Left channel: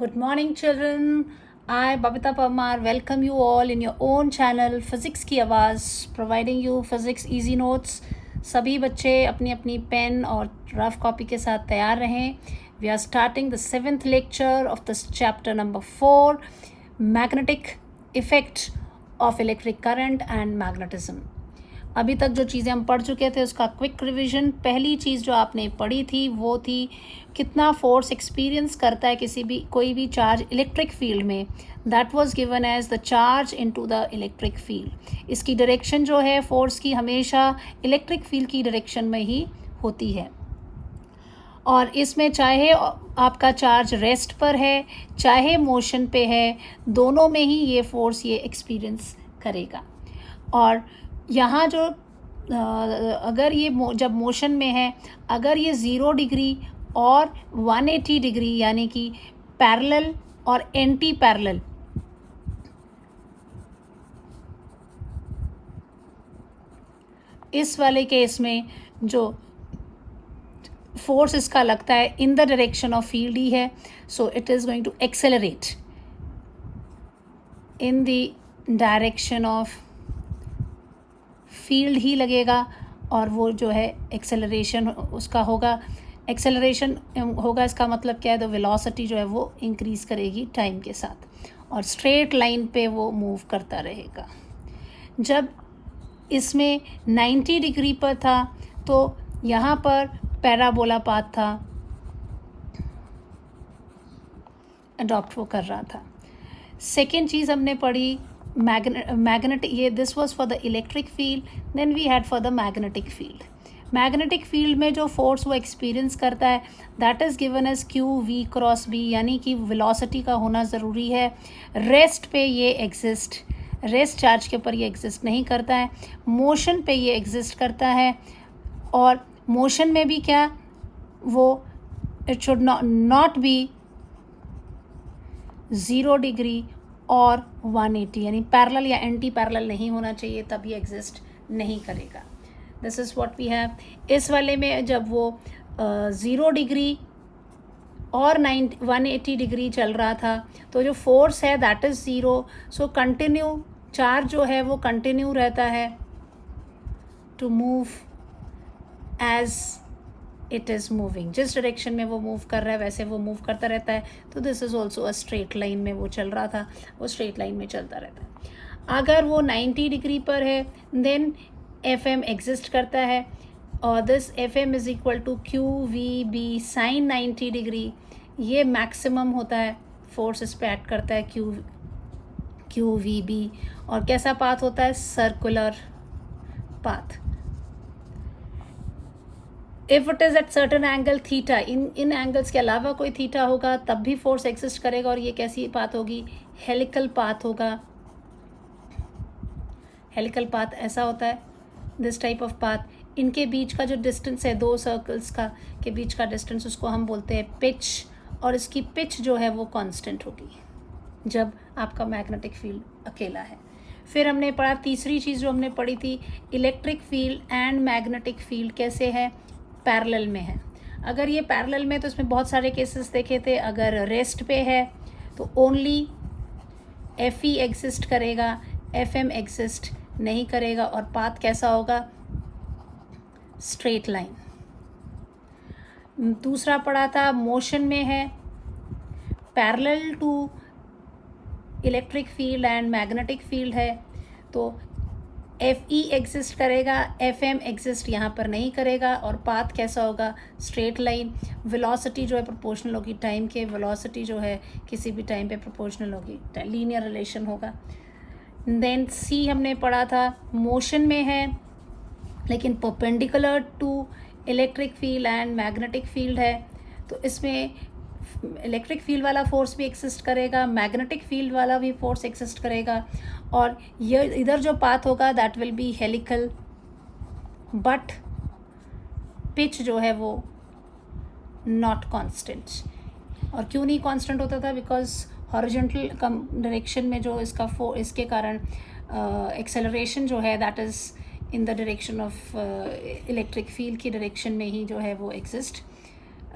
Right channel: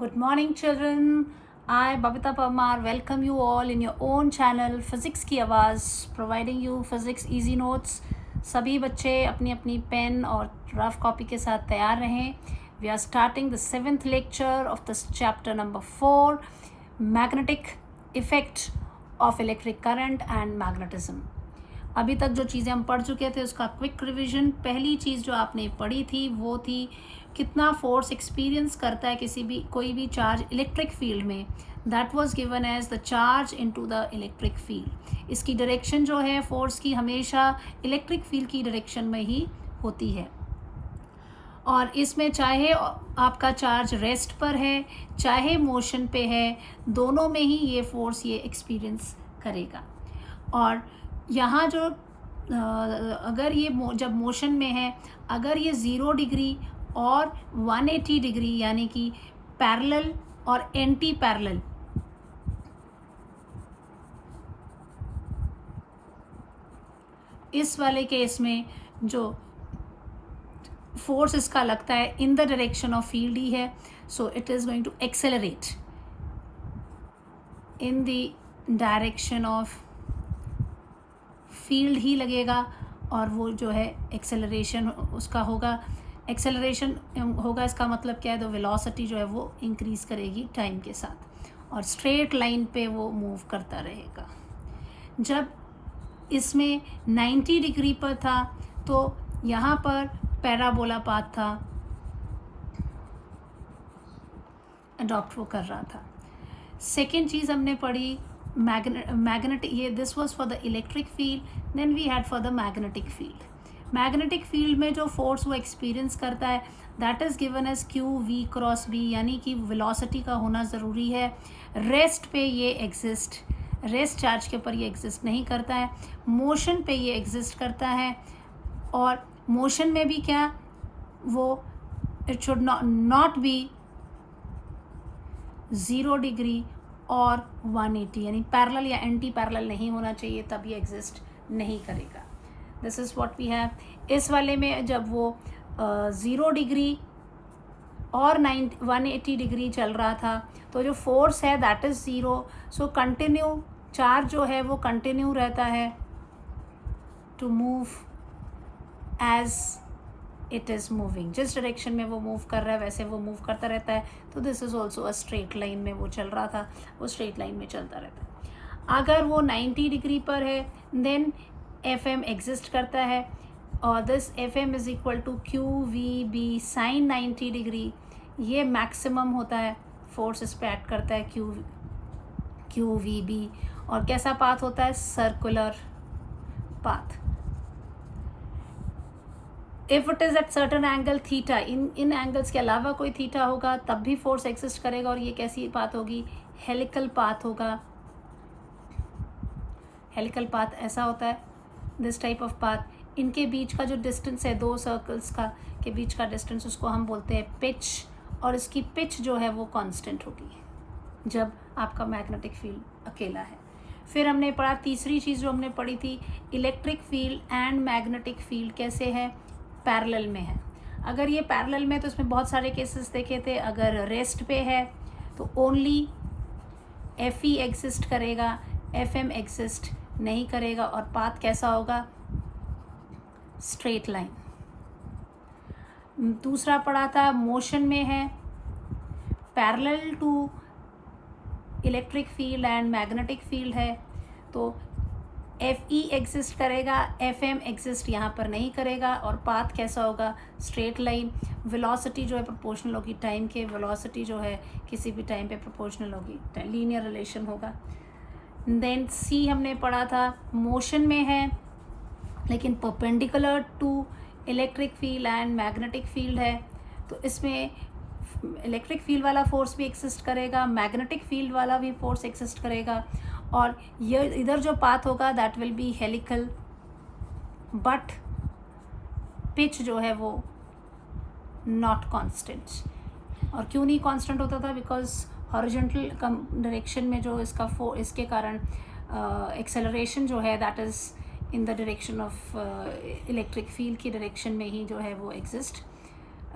Good morning, children. I, Babita Parmar, welcome you all in your own channel, Physics की आवाज़, providing you physics easy notes. सभी बच्चे अपनी अपनी pen और रफ कॉपी के साथ तैयार रहें. We are starting the 7th lecture of this chapter number 4, magnetic effect of electric current and magnetism. अभी तक जो चीज़ें हम पढ़ चुके थे उसका क्विक रिवीजन. पहली चीज़ जो आपने पढ़ी थी वो थी कितना फोर्स एक्सपीरियंस करता है कोई भी चार्ज इलेक्ट्रिक फील्ड में. That was given as the charge into the electric field. इसकी डायरेक्शन जो है फोर्स की हमेशा इलेक्ट्रिक फील्ड की डायरेक्शन में ही होती है. और इसमें चाहे आपका चार्ज रेस्ट पर है चाहे मोशन पे है, दोनों में ही ये फोर्स ये एक्सपीरियंस करेगा. और यहाँ जो अगर ये जब मोशन में है, अगर ये 0 डिग्री और 180 डिग्री यानी कि पैरेलल और एंटी पैरेलल इस वाले केस में जो फोर्स इसका लगता है in the direction of field ही है. So it is going to accelerate in the direction of field ही लगेगा. और वो जो है एक्सेलरेशन उसका होगा. एक्सेलरेशन होगा इसका मतलब क्या है, द वेलोसिटी जो है वो इंक्रीज़ करेगी टाइम के साथ और स्ट्रेट लाइन पे वो मूव करता रहेगा. जब इसमें 90 डिग्री पर था तो यहाँ पर पैराबोला पाथ था, अडॉप्ट वो कर रहा था. सेकेंड चीज़ हमने पढ़ी मैग्नेटिक, ये this was for the electric field. Then we had for the magnetic field. Magnetic field में जो फोर्स वो एक्सपीरियंस करता है that is given as Q V cross B, यानी कि वेलोसिटी का होना ज़रूरी है. रेस्ट पे ये एग्जिस्ट, रेस्ट चार्ज के ऊपर ये एग्जिस्ट नहीं करता है, मोशन पे ये एग्जिस्ट करता है. और मोशन में भी क्या, वो it should not be 0 degree और 180 यानी पैरेलल या एंटी पैरेलल नहीं होना चाहिए, तब ये एग्जिस्ट नहीं करेगा. This is what we have. इस वाले में जब वो 0 डिग्री और 180 डिग्री चल रहा था तो जो फोर्स है that is 0. So continue charge जो है वो कंटिन्यू रहता है to move as it is moving. जिस डायरेक्शन में वो मूव कर रहा है वैसे वो मूव करता रहता है. तो this is also a straight line में वो चल रहा था, वो स्ट्रेट लाइन में चलता रहता है. अगर वो 90 डिग्री पर है देन एफ एम एग्जिस्ट करता है और this F M is equal to Q we B sine 90 degree. ये मैक्सिमम होता है, फोर्स इस पर एक्ट करता है क्यू वी बी. और कैसा पाथ होता है, circular path. If it is at certain angle theta, in angles के अलावा कोई थीटा होगा तब भी फोर्स एग्जिस्ट करेगा. और ये कैसी पाथ होगी, हेलिकल पाथ होगा. हेलिकल पाथ ऐसा होता है, दिस टाइप ऑफ पाथ. इनके बीच का जो डिस्टेंस है दो सर्कल्स का के बीच का डिस्टेंस, उसको हम बोलते हैं पिच. और इसकी पिच जो है वो कांस्टेंट होगी जब आपका मैग्नेटिक फील्ड अकेला है. फिर हमने पढ़ा तीसरी चीज़ जो हमने पढ़ी थी, electric field and magnetic field कैसे है, पैरेलल में है. अगर ये पैरेलल में तो इसमें बहुत सारे केसेस देखे थे. अगर रेस्ट पे है तो ओनली एफ ई एग्जिस्ट करेगा, एफ एम एग्जिस्ट नहीं करेगा. और पाथ कैसा होगा, स्ट्रेट लाइन. दूसरा पढ़ा था मोशन में है, parallel to electric field and magnetic field है तो एफ ई एग्जिस्ट करेगा, एफ एम एग्जिस्ट यहाँ पर नहीं करेगा. और पाथ कैसा होगा, स्ट्रेट लाइन. वेलोसिटी जो है प्रोपोर्शनल होगी टाइम के, वेलोसिटी जो है किसी भी टाइम पे प्रोपोर्शनल होगी, लीनियर रिलेशन होगा. देन सी हमने पढ़ा था, मोशन में है लेकिन perpendicular to electric field and magnetic field है. तो इसमें इलेक्ट्रिक फील्ड वाला फोर्स भी एक्सिस्ट करेगा, मैग्नेटिक फील्ड वाला भी फोर्स एक्सिस्ट करेगा. और ये इधर जो पाथ होगा that will B helical, but pitch जो है वो नॉट कांस्टेंट. और क्यों नहीं कांस्टेंट होता था, बिकॉज हॉरिजॉन्टल डायरेक्शन में जो इसके कारण एक्सेलरेशन जो है that is in the direction of electric field की डायरेक्शन में ही जो है वो एग्जिस्ट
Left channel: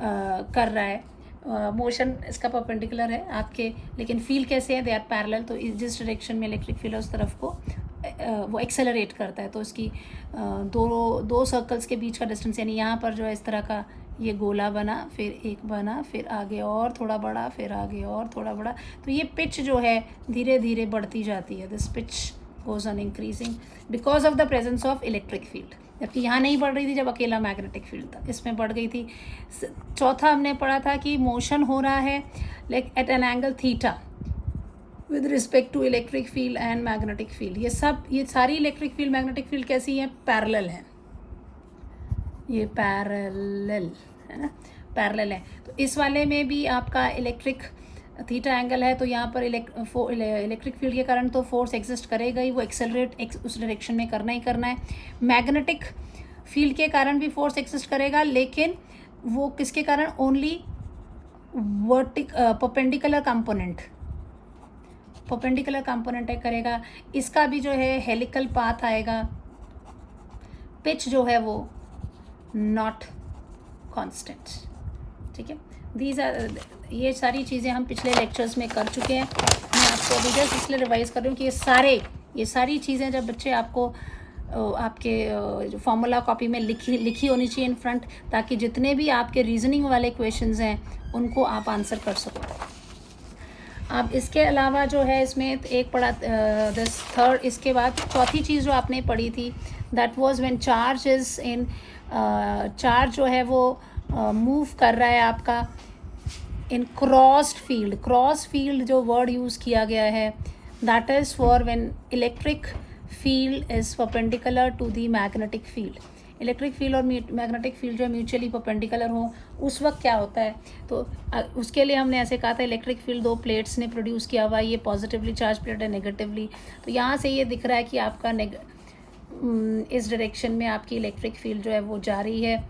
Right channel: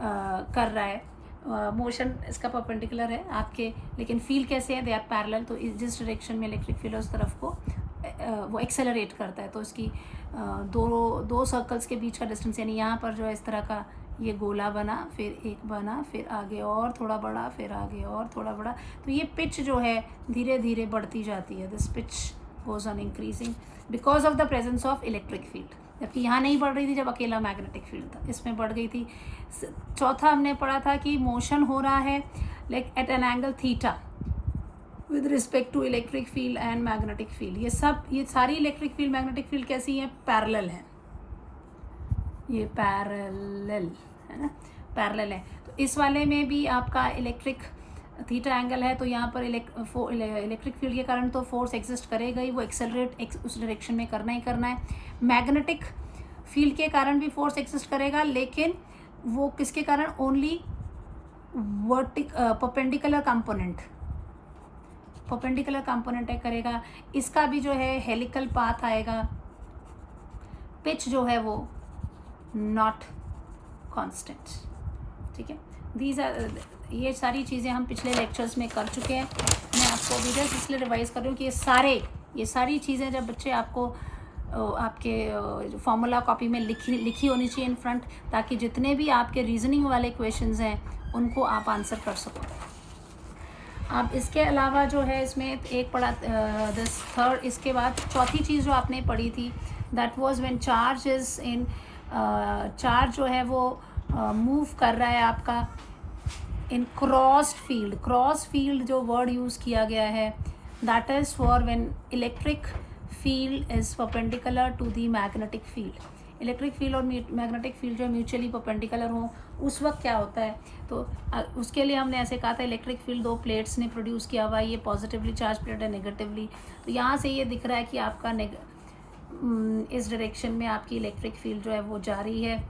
कर रहा है. मोशन इसका परपेंडिकुलर है आपके, लेकिन फील्ड कैसे है, दे आर पैरेलल। तो जिस डायरेक्शन में इलेक्ट्रिक फील्ड है उस तरफ को वो एक्सेलरेट करता है। तो इसकी दो सर्कल्स के बीच का डिस्टेंस, यानी यहाँ पर जो है इस तरह का ये गोला बना, फिर एक बना, फिर आगे और थोड़ा बड़ा, फिर आगे और थोड़ा बड़ा। तो ये पिच जो है धीरे धीरे बढ़ती जाती है। This pitch goes on increasing because of the presence of electric field. जबकि यहाँ नहीं बढ़ रही थी जब अकेला मैग्नेटिक फील्ड था, इसमें बढ़ गई थी। चौथा हमने पढ़ा था कि मोशन हो रहा है like at an angle theta with respect to electric field and magnetic field. ये सारी इलेक्ट्रिक फील्ड मैग्नेटिक फील्ड कैसी हैं, पैरेलल है। ये पैरेलल है ना, पैरेलल है। तो इस वाले में भी आपका इलेक्ट्रिक थीटा एंगल है, तो यहाँ पर इलेक्ट्रिक फील्ड के कारण तो फोर्स एग्जिस्ट करेगा ही, वो एक्सेलरेट उस डायरेक्शन में करना ही करना है। मैग्नेटिक फील्ड के कारण भी फोर्स एग्जिस्ट करेगा, लेकिन वो किसके कारण, ओनली परपेंडिकुलर कंपोनेंट है करेगा। इसका भी जो है हेलिकल पाथ आएगा, पिच जो है वो नॉट कांस्टेंट। ठीक है, दीज आर, ये सारी चीज़ें हम पिछले लेक्चर्स में कर चुके हैं। मैं आपको अभी जस्ट इसलिए रिवाइज कर रही हूँ कि ये सारी चीज़ें जब बच्चे आपको आपके फॉर्मूला कॉपी में लिखी होनी चाहिए इन फ्रंट, ताकि जितने भी आपके रीजनिंग वाले क्वेश्चंस हैं उनको आप आंसर कर सको। अब इसके अलावा जो है इसमें एक पढ़ा दिस थर्ड, इसके बाद चौथी चीज़ जो आपने पढ़ी थी, that was when charge is in, charge जो है वो मूव कर रहा है आपका in crossed field. Cross field जो वर्ड यूज़ किया गया है, that is for when electric field is perpendicular to the magnetic field. Electric field और मैग्नेटिक फील्ड जो म्यूचुअली परपेंडिकुलर हो, उस वक्त क्या होता है, तो उसके लिए हमने ऐसे कहा था इलेक्ट्रिक फील्ड दो प्लेट्स ने प्रोड्यूस किया हुआ है, ये पॉजिटिवली चार्ज प्लेट है, नेगेटिवली। तो यहाँ से ये दिख रहा है कि आपका इस डायरेक्शन में आपकी इलेक्ट्रिक फील्ड जो है वो जा रही है,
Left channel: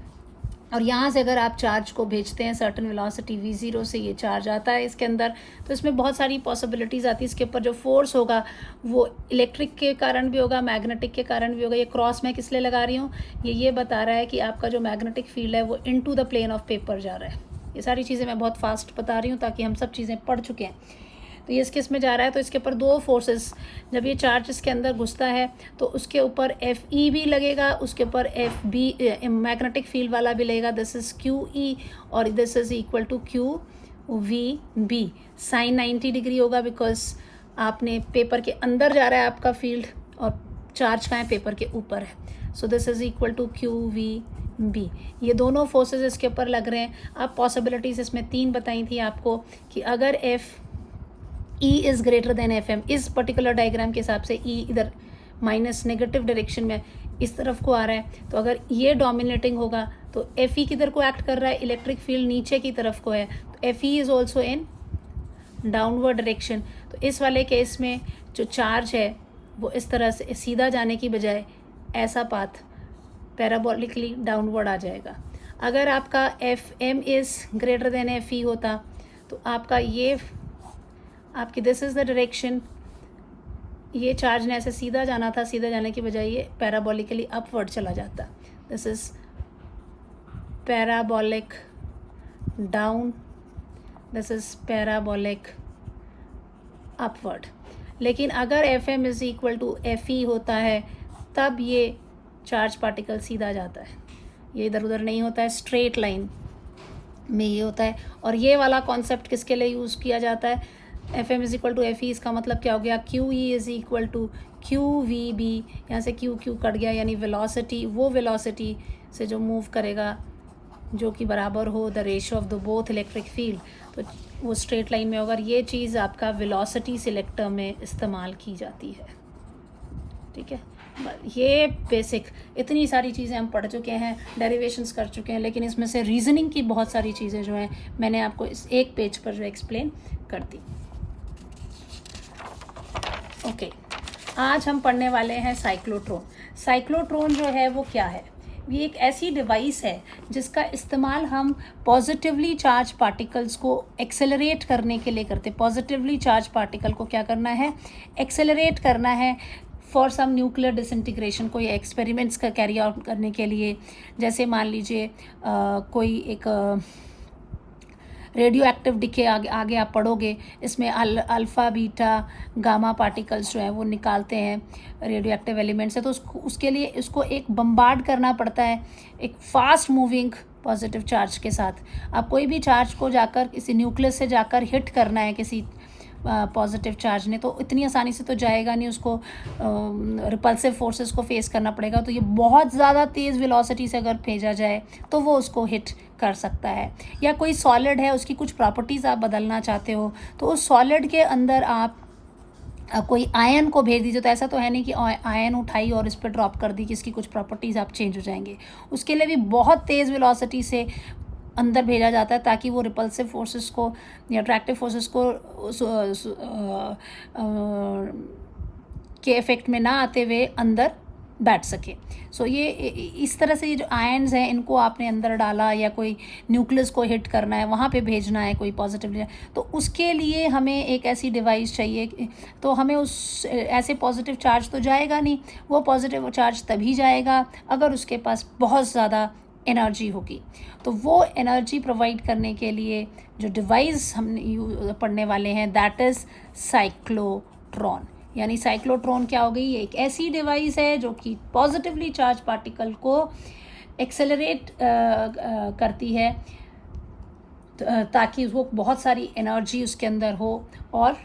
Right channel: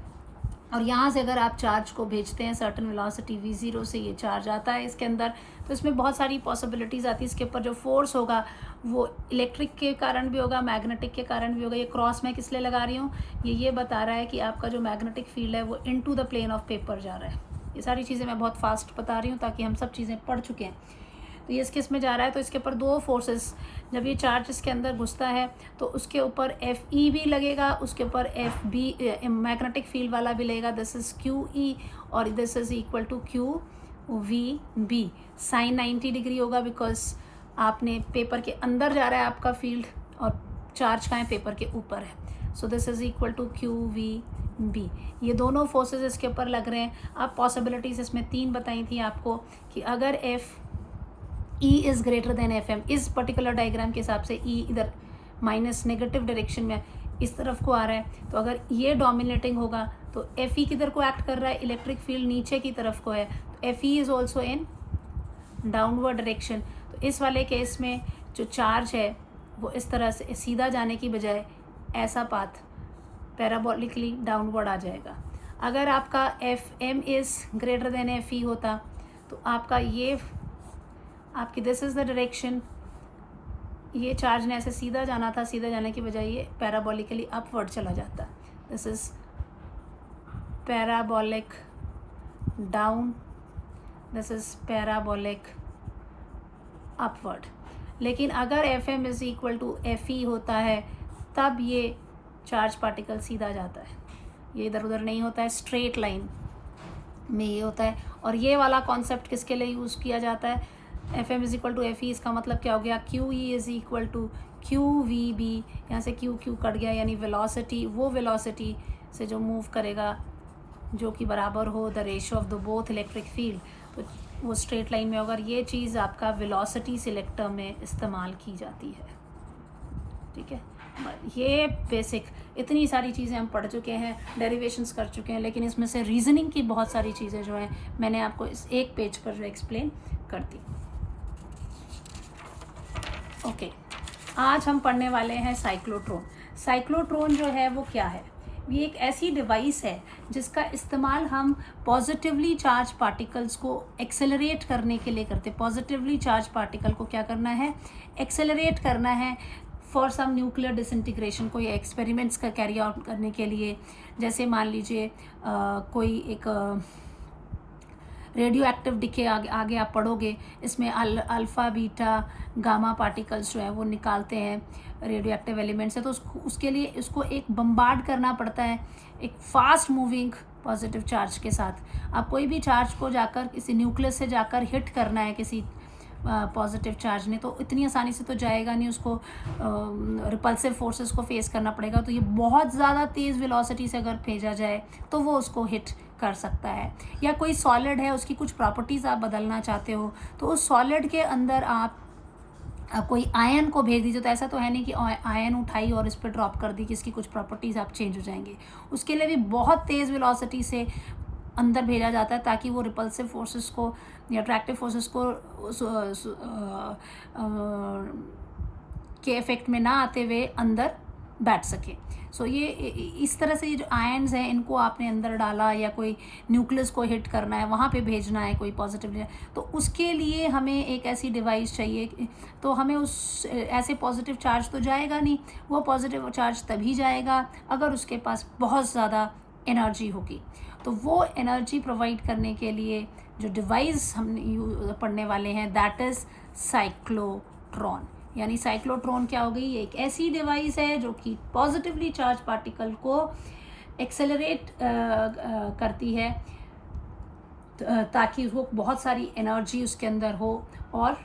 और यहाँ से अगर आप चार्ज को भेजते हैं सर्टन वेलोसिटी v0 से, ये चार्ज आता है इसके अंदर। तो इसमें बहुत सारी पॉसिबिलिटीज़ आती है। इसके ऊपर जो फोर्स होगा वो इलेक्ट्रिक के कारण भी होगा, मैग्नेटिक के कारण भी होगा। ये क्रॉस मैं किस लिए लगा रही हूँ, ये बता रहा है कि आपका जो मैग्नेटिक फील्ड है वो into the plane of paper जा रहा है। ये सारी चीज़ें मैं बहुत फास्ट बता रही हूँ ताकि हम सब चीज़ें पढ़ चुके हैं। तो ये किस में जा रहा है, तो इसके ऊपर दो फोर्सेस, जब ये चार्ज इसके अंदर घुसता है तो उसके ऊपर FE भी लगेगा, उसके ऊपर FB मैग्नेटिक फील्ड वाला भी लगेगा। दिस इज़ QE और this is equal to QVB। Sine 90 degree होगा बिकॉज आपने पेपर के अंदर जा रहा है आपका फील्ड, और चार्ज का है पेपर के ऊपर है। So this is equal to QVB। ये दोनों फोर्सेस इसके ऊपर लग रहे हैं। अब पॉसिबिलिटीज़ इसमें 3 बताई थी आपको कि अगर E is greater than FM, इस पर्टिकुलर डायग्राम के हिसाब से E इधर माइनस नेगेटिव डायरेक्शन में इस तरफ को आ रहा है, तो अगर ये डोमिनेटिंग होगा तो FE किधर को एक्ट कर रहा है, इलेक्ट्रिक फील्ड नीचे की तरफ को है, तो FE is also in downward direction. तो इस वाले केस में जो चार्ज है वो इस तरह से सीधा जाने की बजाय ऐसा पाथ पैराबोलिकली डाउनवर्ड आ जाएगा। अगर आपका FM is greater than FE होता तो आपका ये आपकी दिस इज़ द डायरेक्शन, ये चार्ज ने ऐसे सीधा जाना था, सीधा जाने की बजाय ये पैराबोलिकली अपवर्ड चला जाता। This is parabolic down, this is parabolic upward. लेकिन अगर FM is equal to FE होता है तब ये चार्ज पार्टिकल सीधा जाता है, ये इधर उधर नहीं होता है, स्ट्रेट लाइन में ये होता है। और ये वाला कॉन्सेप्ट किसके लिए यूज़ किया जाता है, FM is equal to FE, इसका मतलब क्या हो गया, QE is equal to QVB। यहाँ से Q कट गया, यानी वेलोसिटी, वो वेलोसिटी से जो मूव करेगा जो कि बराबर हो the ratio of the both electric field, तो वो स्ट्रेट लाइन में होगा। ये चीज़ आपका वेलोसिटी सिलेक्टर में इस्तेमाल की जाती है। ठीक है, ये बेसिक इतनी सारी चीज़ें हम पढ़ चुके हैं, डेरिवेशंस कर चुके हैं, लेकिन इसमें से रीजनिंग की बहुत सारी चीज़ें जो है मैंने आपको इस एक पेज पर जो एक्सप्लेन कर दी। ओके, आज हम पढ़ने वाले हैं साइक्लोट्रॉन। साइक्लोट्रॉन जो है वो क्या है, ये एक ऐसी डिवाइस है जिसका इस्तेमाल हम पॉजिटिवली चार्ज पार्टिकल्स को एक्सेलरेट करने के लिए करते हैं। पॉजिटिवली चार्ज पार्टिकल को क्या करना है, एक्सेलरेट करना है फॉर सम न्यूक्लियर डिसइंटीग्रेशन, कोई एक्सपेरिमेंट्स का कैरी आउट करने के लिए। जैसे मान लीजिए कोई एक रेडियो एक्टिव डिके आगे आप पढ़ोगे, इसमें अल्फ़ा बीटा गामा पार्टिकल्स जो है वो निकालते हैं, रेडियो एक्टिव एलिमेंट्स है। तो उसके लिए इसको एक बम्बार्ड करना पड़ता है एक फास्ट मूविंग पॉजिटिव चार्ज के साथ। आप कोई भी चार्ज को जाकर किसी न्यूक्लियस से जाकर हिट करना है किसी पॉजिटिव चार्ज ने, तो इतनी आसानी से तो जाएगा नहीं, उसको रिपल्सिव फोर्सेस को फेस करना पड़ेगा। तो ये बहुत ज़्यादा तेज़ वेलोसिटी से अगर भेजा जाए तो वो उसको हिट कर सकता है। या कोई सॉलिड है, उसकी कुछ प्रॉपर्टीज़ आप बदलना चाहते हो, तो उस सॉलिड के अंदर आप कोई आयन को भेज दीजिए। तो ऐसा तो है नहीं कि आयन उठाई और इस पर ड्रॉप कर दी कि इसकी कुछ प्रॉपर्टीज़ आप चेंज हो जाएंगे। उसके लिए भी बहुत तेज़ वेलोसिटी से अंदर भेजा जाता है ताकि वो रिपल्सिव फोर्सेस को या अट्रैक्टिव फोर्सेस को के इफेक्ट में ना आते हुए अंदर बैठ सके। सो ये इस तरह से ये जो आयन्स हैं इनको आपने अंदर डाला या कोई न्यूक्लियस को हिट करना है, वहाँ पे भेजना है कोई पॉजिटिव, तो उसके लिए हमें एक ऐसी डिवाइस चाहिए। तो हमें उस ऐसे पॉजिटिव चार्ज तो जाएगा नहीं, वो पॉजिटिव चार्ज तभी जाएगा अगर उसके पास बहुत ज़्यादा एनर्जी होगी। तो वो एनर्जी प्रोवाइड करने के लिए जो डिवाइस हम पढ़ने वाले हैं दैट इज़ साइक्लोट्रॉन। यानी साइक्लोट्रॉन क्या हो गई, एक ऐसी डिवाइस है जो कि पॉजिटिवली चार्ज पार्टिकल को एक्सेलरेट करती है ताकि वो बहुत सारी एनर्जी उसके अंदर हो और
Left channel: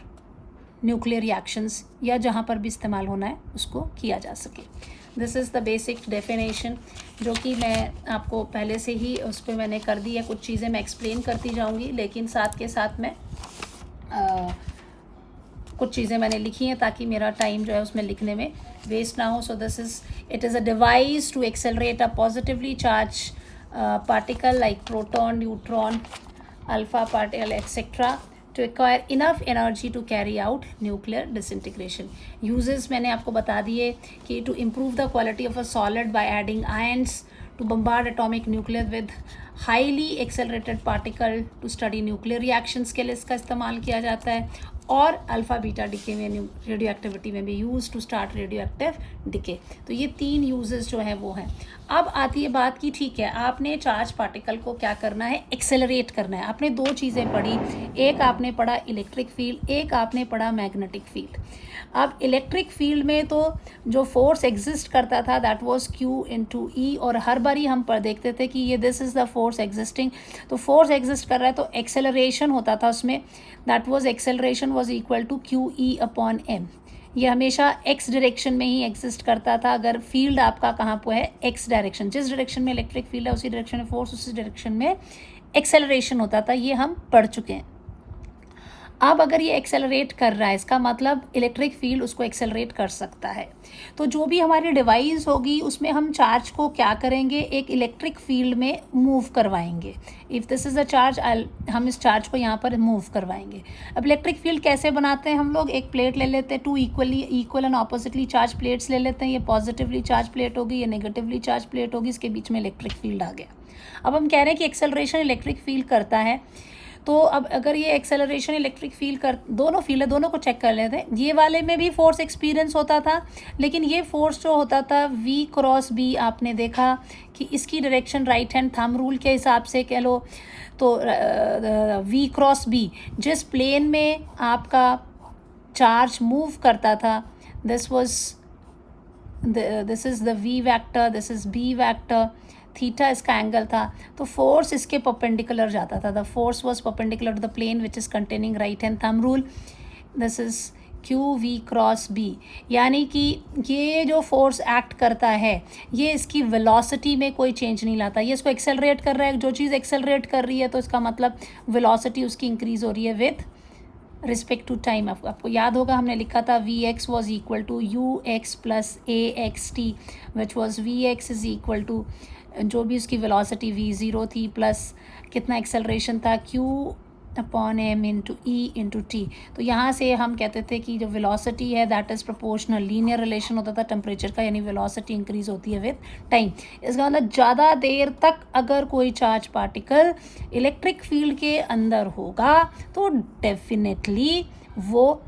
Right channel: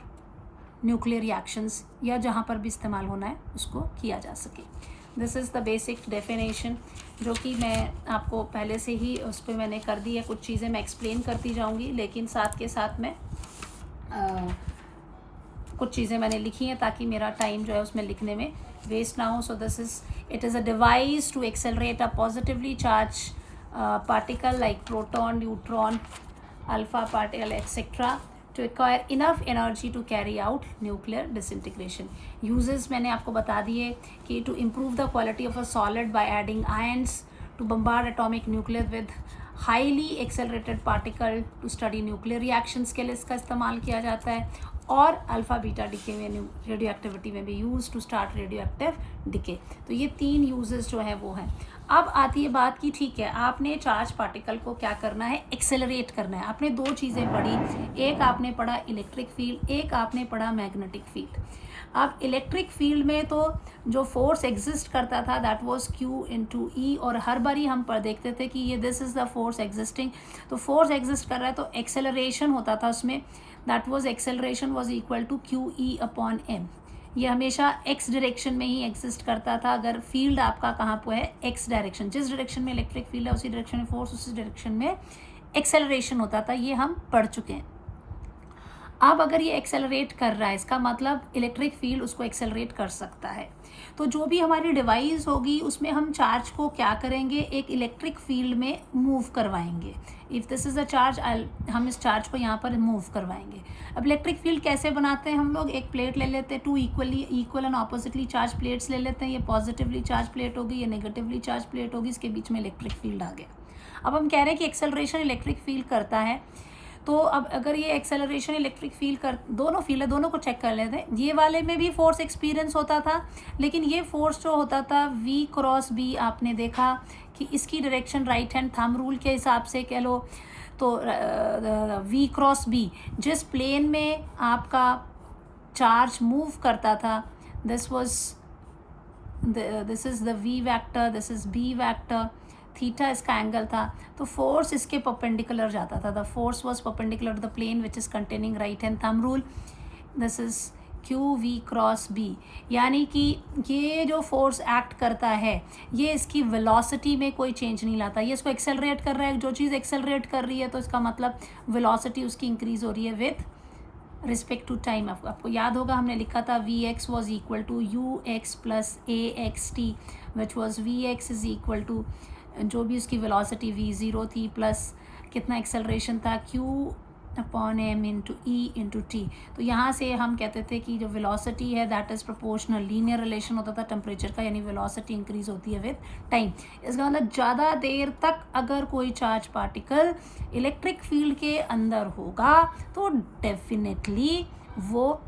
न्यूक्लियर रिएक्शंस या जहाँ पर भी इस्तेमाल होना है उसको किया जा सके। This is the basic definition जो कि मैं आपको पहले से ही उस पर मैंने कर दी है। कुछ चीज़ें मैं एक्सप्लेन करती जाऊँगी, लेकिन साथ के साथ मैं कुछ चीज़ें मैंने लिखी हैं ताकि मेरा टाइम जो है उसमें लिखने में वेस्ट ना हो। So it is a device to accelerate a positively charge particle like proton, neutron, alpha particle etcetera to acquire enough energy to carry out nuclear disintegration. Uses मैंने आपको बता दिए कि to improve the quality of a solid by adding ions, to bombard atomic nucleus with highly accelerated particle, to study nuclear reactions के लिए इसका इस्तेमाल किया जाता है, और अल्फ़ा बीटा डिके में रेडियो एक्टिविटी में भी use to start radioactive decay. तो ये 3 यूजेस जो हैं वो हैं। अब आती है बात की ठीक है आपने चार्ज पार्टिकल को क्या करना है, एक्सेलरेट करना है। आपने 2 चीज़ें पढ़ी, एक आपने पढ़ा इलेक्ट्रिक फील्ड, एक आपने पढ़ा मैग्नेटिक फील्ड। अब इलेक्ट्रिक फील्ड में तो जो फोर्स एग्जिस्ट करता था दैट वाज Q × E, और हर बारी हम पर देखते थे कि ये this is the force existing. तो फोर्स एग्जिस्ट कर रहा है तो एक्सेलरेशन होता था उसमें, that was acceleration was equal to QE/m। ये हमेशा एक्स डायरेक्शन में ही एग्जिस्ट करता था। अगर फील्ड आपका कहाँ पर है, एक्स डायरेक्शन, जिस डायरेक्शन में इलेक्ट्रिक फील्ड है उसी डायरेक्शन में फोर्स, उसी डायरेक्शन में एक्सेलरेशन होता था। ये हम पढ़ चुके हैं। अब अगर ये एक्सेलरेट कर रहा है इसका मतलब इलेक्ट्रिक फील्ड उसको एक्सेलरेट कर सकता है। तो जो भी हमारी डिवाइस होगी उसमें हम चार्ज को क्या करेंगे, एक इलेक्ट्रिक फील्ड में मूव करवाएंगे। If this is a charge, हम इस चार्ज को यहाँ पर मूव करवाएंगे। अब इलेक्ट्रिक फील्ड कैसे बनाते हैं हम लोग, एक प्लेट ले लेते हैं, 2 equal and oppositely charge plates ले लेते हैं। ये पॉजिटिवली चार्ज प्लेट होगी, ये नेगेटिवली चार्ज प्लेट होगी, इसके बीच में इलेक्ट्रिक फील्ड आ गया। अब हम कह रहे हैं कि एक्सेलरेशन इलेक्ट्रिक फील्ड करता है, तो अब अगर ये एक्सेलरेशन इलेक्ट्रिक फील्ड कर, दोनों फील्ड है, दोनों को चेक कर लेते हैं। ये वाले में भी फोर्स एक्सपीरियंस होता था, लेकिन ये फोर्स जो होता था V×B, आपने देखा कि इसकी direction right hand thumb rule के हिसाब से कह लो तो V×B, जिस प्लेन में आपका चार्ज मूव करता था this is the V vector, this is B vector, theta इसका एंगल था, तो फोर्स इसके परपेंडिकुलर जाता था। The force was perpendicular to the plane which is containing right hand thumb rule, this is QV×B। यानी कि ये जो फोर्स एक्ट करता है ये इसकी वेलोसिटी में कोई चेंज नहीं लाता, ये इसको एक्सेलरेट कर रहा है। जो चीज़ एक्सेलरेट कर रही है तो इसका मतलब वेलोसिटी उसकी इंक्रीज़ हो रही है विथ रिस्पेक्ट टू टाइम। आपको याद होगा हमने लिखा था Vx was equal to UX + AXT, which was Vx is equal to जो भी उसकी वेलोसिटी V0 थी प्लस कितना एक्सेलरेशन था Q/m × E × T। तो यहाँ से हम कहते थे कि जो वेलोसिटी है that is proportional, linear relation होता था टेम्परेचर का, यानी वेलोसिटी इंक्रीज होती है विद टाइम। इसका मतलब ज़्यादा देर तक अगर कोई चार्ज पार्टिकल इलेक्ट्रिक फील्ड के अंदर होगा तो डेफिनेटली वो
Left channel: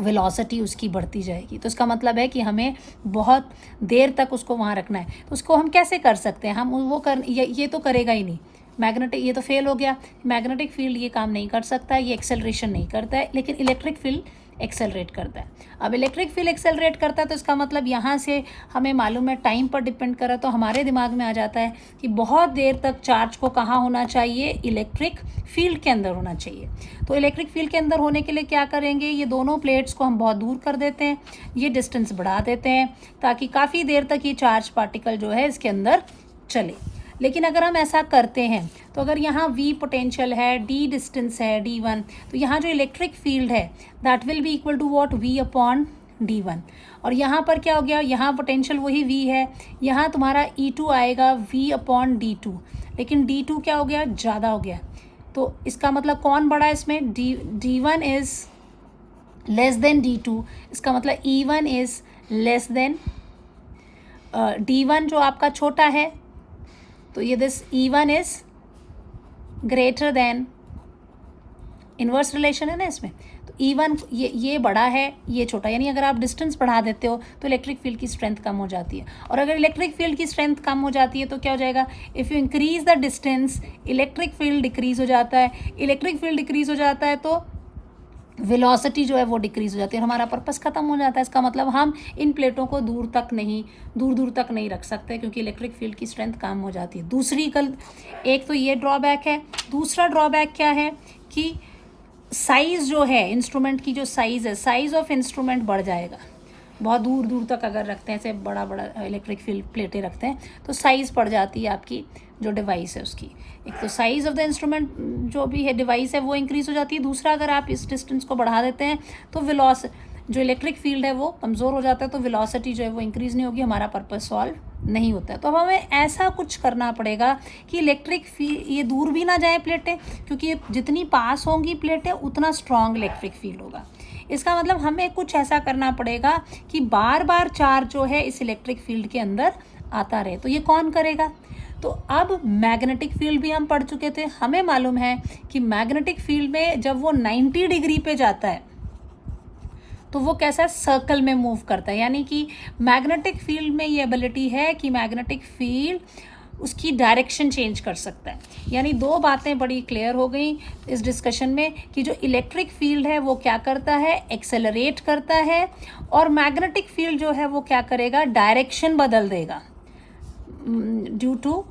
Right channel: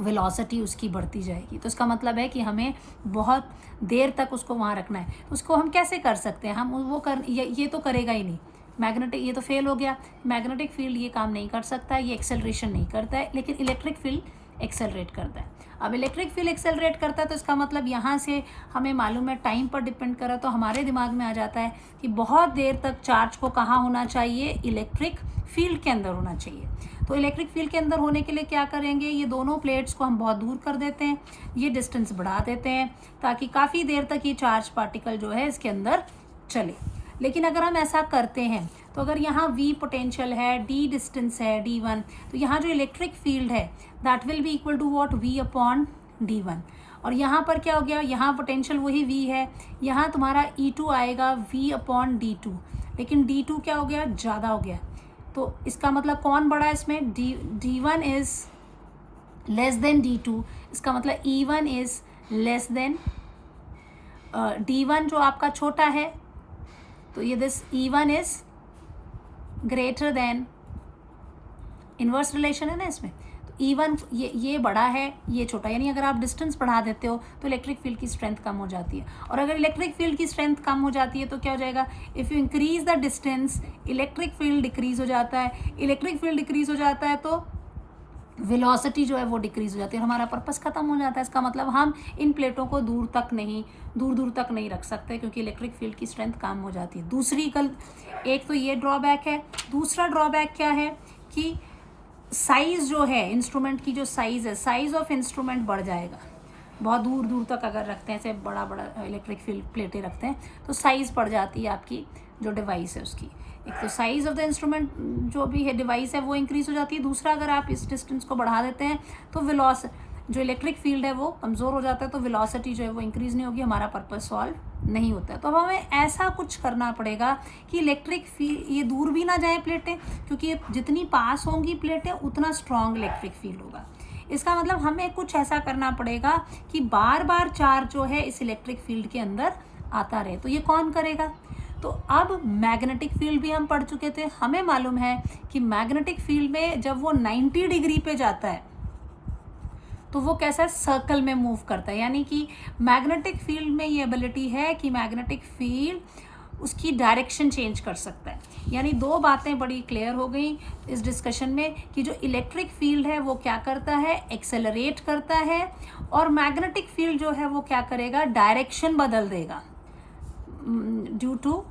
वेलोसिटी उसकी बढ़ती जाएगी। तो इसका मतलब है कि हमें बहुत देर तक उसको वहाँ रखना है। तो उसको हम कैसे कर सकते हैं, हम वो कर ये तो करेगा ही नहीं, मैग्नेटिक, ये तो फेल हो गया, मैग्नेटिक फील्ड ये काम नहीं कर सकता है, ये एक्सेलरेशन नहीं करता है, लेकिन इलेक्ट्रिक फील्ड एक्सेलरेट करता है। अब इलेक्ट्रिक फील्ड एक्सेलरेट करता है तो इसका मतलब यहाँ से हमें मालूम है टाइम पर डिपेंड करा, तो हमारे दिमाग में आ जाता है कि बहुत देर तक चार्ज को कहाँ होना चाहिए, इलेक्ट्रिक फील्ड के अंदर होना चाहिए। तो इलेक्ट्रिक फील्ड के अंदर होने के लिए क्या करेंगे, ये दोनों प्लेट्स को हम बहुत दूर कर देते हैं, ये डिस्टेंस बढ़ा देते हैं ताकि काफ़ी देर तक ये चार्ज पार्टिकल जो है इसके अंदर चले। लेकिन अगर हम ऐसा करते हैं तो अगर यहाँ V पोटेंशियल है, D डिस्टेंस है D1, तो यहाँ जो इलेक्ट्रिक फील्ड है that will be equal to what, V upon D1। और यहाँ पर क्या हो गया, यहाँ पोटेंशियल वही V है, यहाँ तुम्हारा E2 आएगा V अपॉन D2, लेकिन D2 क्या हो गया, ज़्यादा हो गया। तो इसका मतलब कौन बड़ा है इसमें, D1 is less than D2, इसका मतलब E1 is less than D1 जो आपका छोटा है, तो ये this E1 is greater than, inverse relation है ना इसमें, तो E1 ये बड़ा है, ये छोटा, यानी अगर आप डिस्टेंस बढ़ा देते हो तो इलेक्ट्रिक फील्ड की स्ट्रेंथ कम हो जाती है। और अगर इलेक्ट्रिक फील्ड की स्ट्रेंथ कम हो जाती है तो क्या हो जाएगा, if you increase the distance electric field decrease हो जाता है, इलेक्ट्रिक फील्ड डिक्रीज हो जाता है तो वेलोसिटी जो है वो डिक्रीज हो जाती है और हमारा पर्पस ख़त्म हो जाता है। इसका मतलब हम इन प्लेटों को दूर दूर तक नहीं रख सकते क्योंकि इलेक्ट्रिक फील्ड की स्ट्रेंथ कम हो जाती है। एक तो ये ड्रॉबैक है, दूसरा ड्रॉबैक क्या है कि साइज़ जो है इंस्ट्रूमेंट की, जो साइज़ है, साइज़ ऑफ इंस्ट्रूमेंट बढ़ जाएगा। बहुत दूर तक अगर रखते हैं, ऐसे बड़ा इलेक्ट्रिक फील्ड प्लेटें रखते हैं तो साइज़ पड़ जाती है आपकी जो डिवाइस है उसकी। एक तो साइज़ ऑफ द इंस्ट्रूमेंट जो भी है डिवाइस है वो इंक्रीज़ हो जाती है, दूसरा अगर आप इस डिस्टेंस को बढ़ा देते हैं तो जो इलेक्ट्रिक फील्ड है वो कमज़ोर हो जाता है, तो वेलोसिटी जो है वो इंक्रीज़ नहीं होगी, हमारा पर्पस सॉल्व नहीं होता है। तो हमें ऐसा कुछ करना पड़ेगा कि इलेक्ट्रिक फील्ड ये दूर भी ना जाए प्लेटें, क्योंकि जितनी पास होंगी प्लेटें उतना स्ट्रॉन्ग इलेक्ट्रिक फील्ड होगा। इसका मतलब हमें कुछ ऐसा करना पड़ेगा कि बार बार चार्ज जो है इस इलेक्ट्रिक फील्ड के अंदर आता रहे। तो ये कौन करेगा, तो अब मैग्नेटिक फील्ड भी हम पढ़ चुके थे, हमें मालूम है कि मैग्नेटिक फील्ड में जब वो 90 डिग्री पे जाता है तो वो कैसा सर्कल में मूव करता है, यानी कि मैग्नेटिक फील्ड में ये एबिलिटी है कि मैग्नेटिक फील्ड उसकी डायरेक्शन चेंज कर सकता है। यानी दो बातें बड़ी क्लियर हो गई इस डिस्कशन में कि जो इलेक्ट्रिक फील्ड है वो क्या करता है, एक्सेलरेट करता है, और मैग्नेटिक फील्ड जो है वो क्या करेगा, डायरेक्शन बदल देगा due to